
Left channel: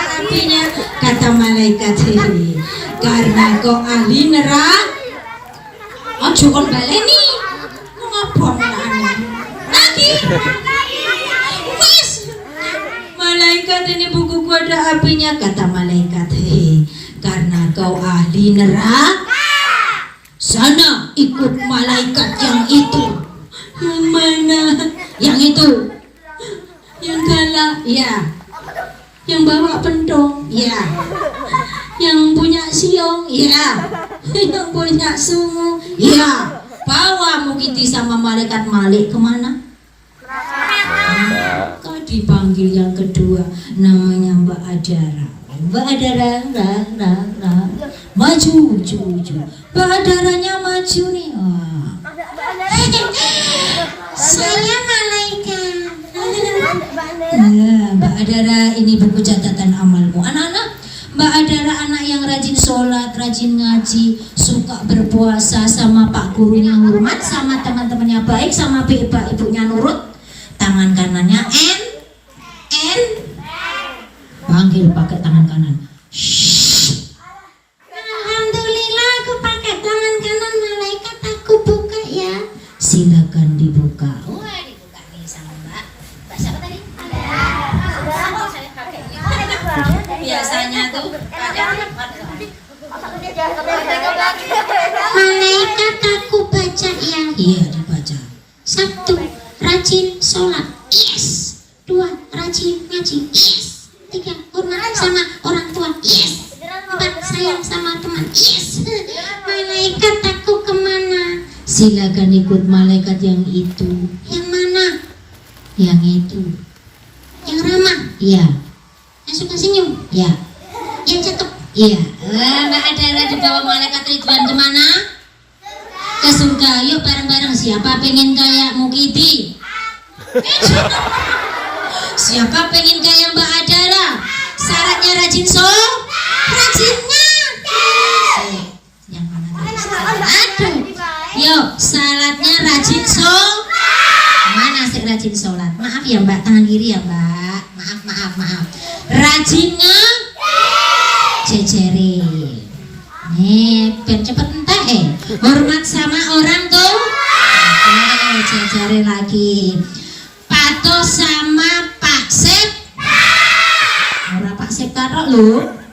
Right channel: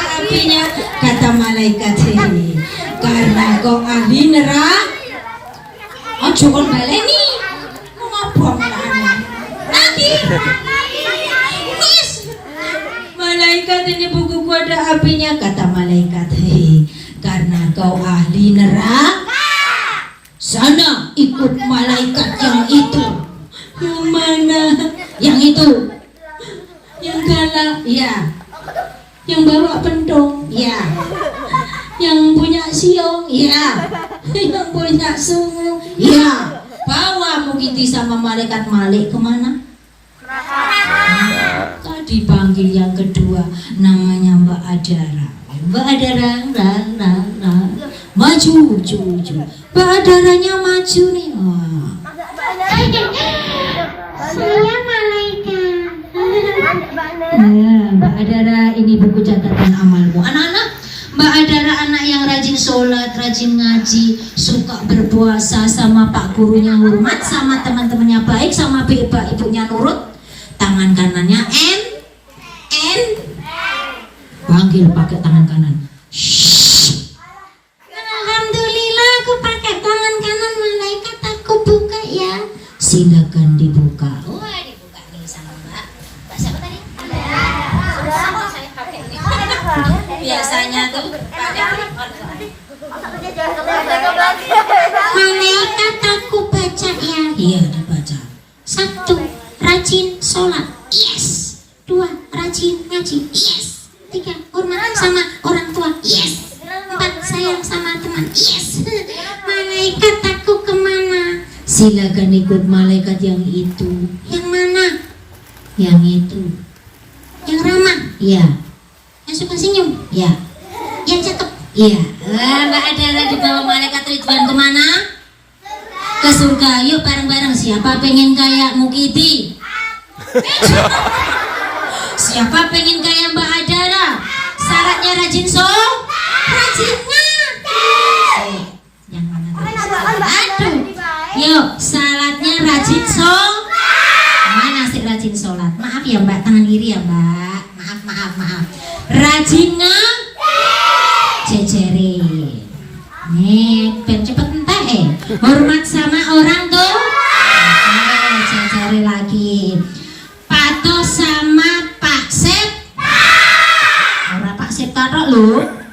apinya kata malaikat ini karena kau ahli neraka ojo kon baleni ngobong lagi malaikat ini buku kode apinya kata malaikat karena kau ahli neraka sana ikut malaikat yang itu. Yang mana? Yang itu. Yang galak ya. Yang bawa pentong ya. Yang punya siong ya. Yang punya sungu ya. Bawa Mukidi sama malaikat Malik kemana? Dipanggil yang kedua namanya Mbak Adara. Mbak Adara maju. Mbak Adaranya maju nih. Saya malaikat. Mbak Adara ini buku catatan amalmu. Anak-anak, Mbak Adara anak yang rajin sholat, rajin ngaji, suka berpuasa, sama pak gurunya hormat, sama teman-temannya baik, sama ibunya nurut. Tangan kanannya N. Panggil pakai tangan kanan. Alhamdulillah aku pakai tangan kanan malaikat, aku buka ya. Silakan dibuka. Wah, dibuka nih sama Mbak siapa tadi? Biasanya tuh malaikat aku baca ya. Iya dibaca. 1. Rajin sholat. Yes. 2. Rajin ngaji. Yes. 3. Hormat sama orang tua. Yes. 4. Sayang sama teman. Yes. Malaikat aku kemana? Silakan ikut malaikat yang itu. Yang mana? Yang itu. Yang ramah? Ya. Yang suka senyum? Ya. Yang cakep? Iya. Mbak Adara dibawa malaikat Ridwan kemana? Ke surga. Yuk bareng-bareng. Siapa pengen kayak Mukidi? Siapa pengen kayak Mbak Adara? Syaratnya rajin rajinnya. Yang mana tadi? Aduh. Yuk, syaratnya rajin mana sih rajin sholat? Maaf ya Mbak, tangan kiri ya Mbak. Maaf. Rajin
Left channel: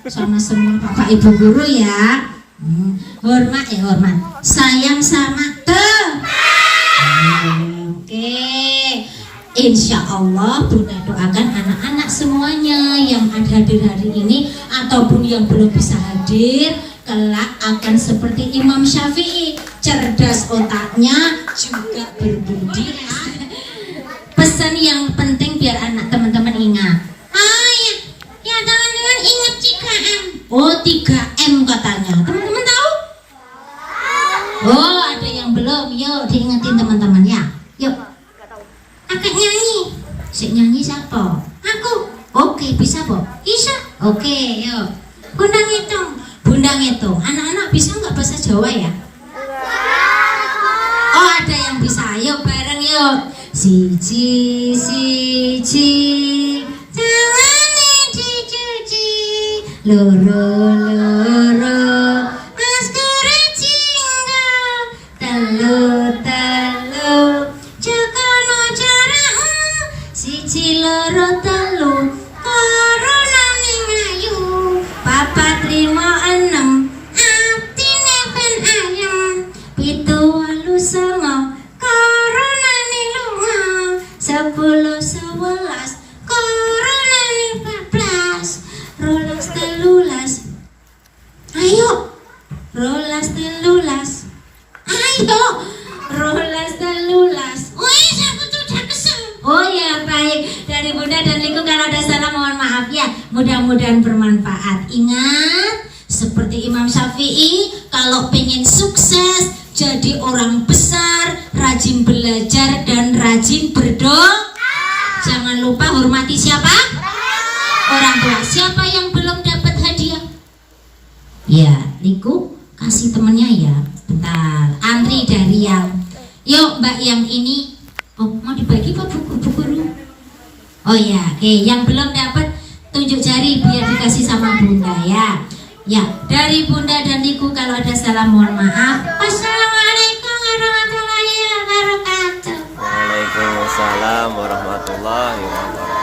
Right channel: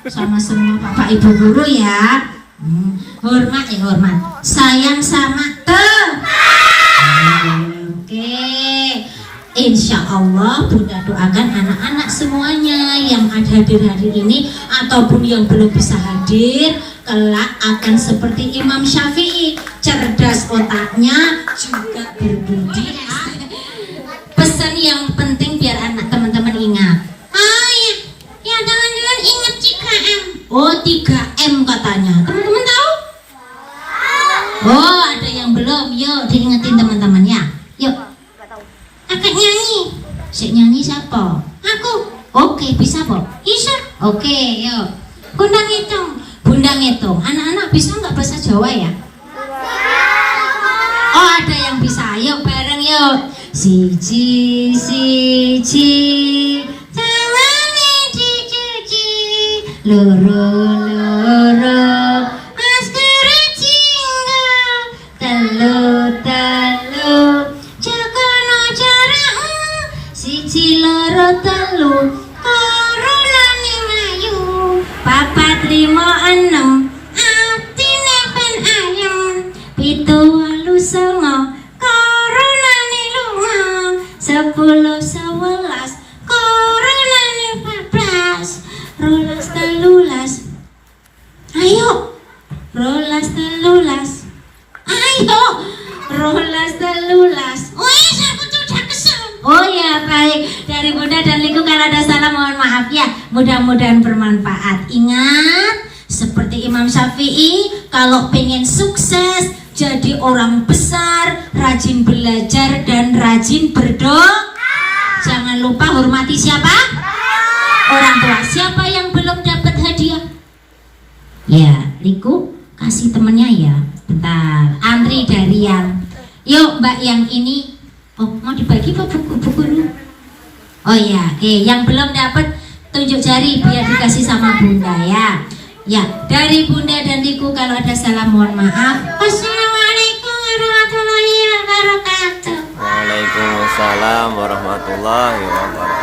sama semua Bapak Ibu guru ya. Hormat ya hormat. Sayang sama Oke. Insya Allah Bunda doakan anak-anak semuanya yang ada hadir hari ini ataupun yang belum bisa hadir kelak akan seperti Imam Syafi'i, cerdas otaknya juga berbudi. Pesan yang penting biar anak teman-teman ingat. Ya teman-teman ingat 3M. Oh 3M katanya. Teman-teman tahu? Oh ada yang belum. Yuk diingetin teman-teman ya. Yuk. Kakak nyanyi. Si nyanyi siapa? Aku. Oke bisa po? Bisa. Oke yuk. Bunda ngitung. Bunda ngitung. Anak-anak bisa nggak bahasa Jawa ya? Oh ada yang bisa. Yuk bareng yuk. Siji siji tangane dicuci loro loro maskara jingga telu telu jagono jarakmu siji loro telu koronane ngayu papat lima enem atine ben ayem pitu walu songo 10, 11, koronane 14, rolas telulas. Ayo, rolas telulas. Ayo, rolas telulas. Wes aku tuh udah kesel. Oh ya baik, dari Bunda dan Liku kalau ada salah mohon maaf ya. Mudah-mudahan bermanfaat. Ingat, seperti Imam Syafi'i, kalau pengen sukses jadi orang besar, rajin belajar dan rajin berdoa. Jangan lupa hormati siapa? Orang tua. Siapa yang belum dapat hadiah? Ya, Liku kasih temennya ya. Bentar, antri dari yang. Yuk Mbak yang ini. Oh mau dibagi apa buku-buku? Oh ya, oke. Yang belum dapat tunjuk jari biar dikasih sama Bunda ya. Ya, dari Bunda dan Liku kalau ada salah mohon maaf. Wassalamualaikum warahmatullahi wabarakatuh. Waalaikumsalam warahmatullahi wabarakatuh.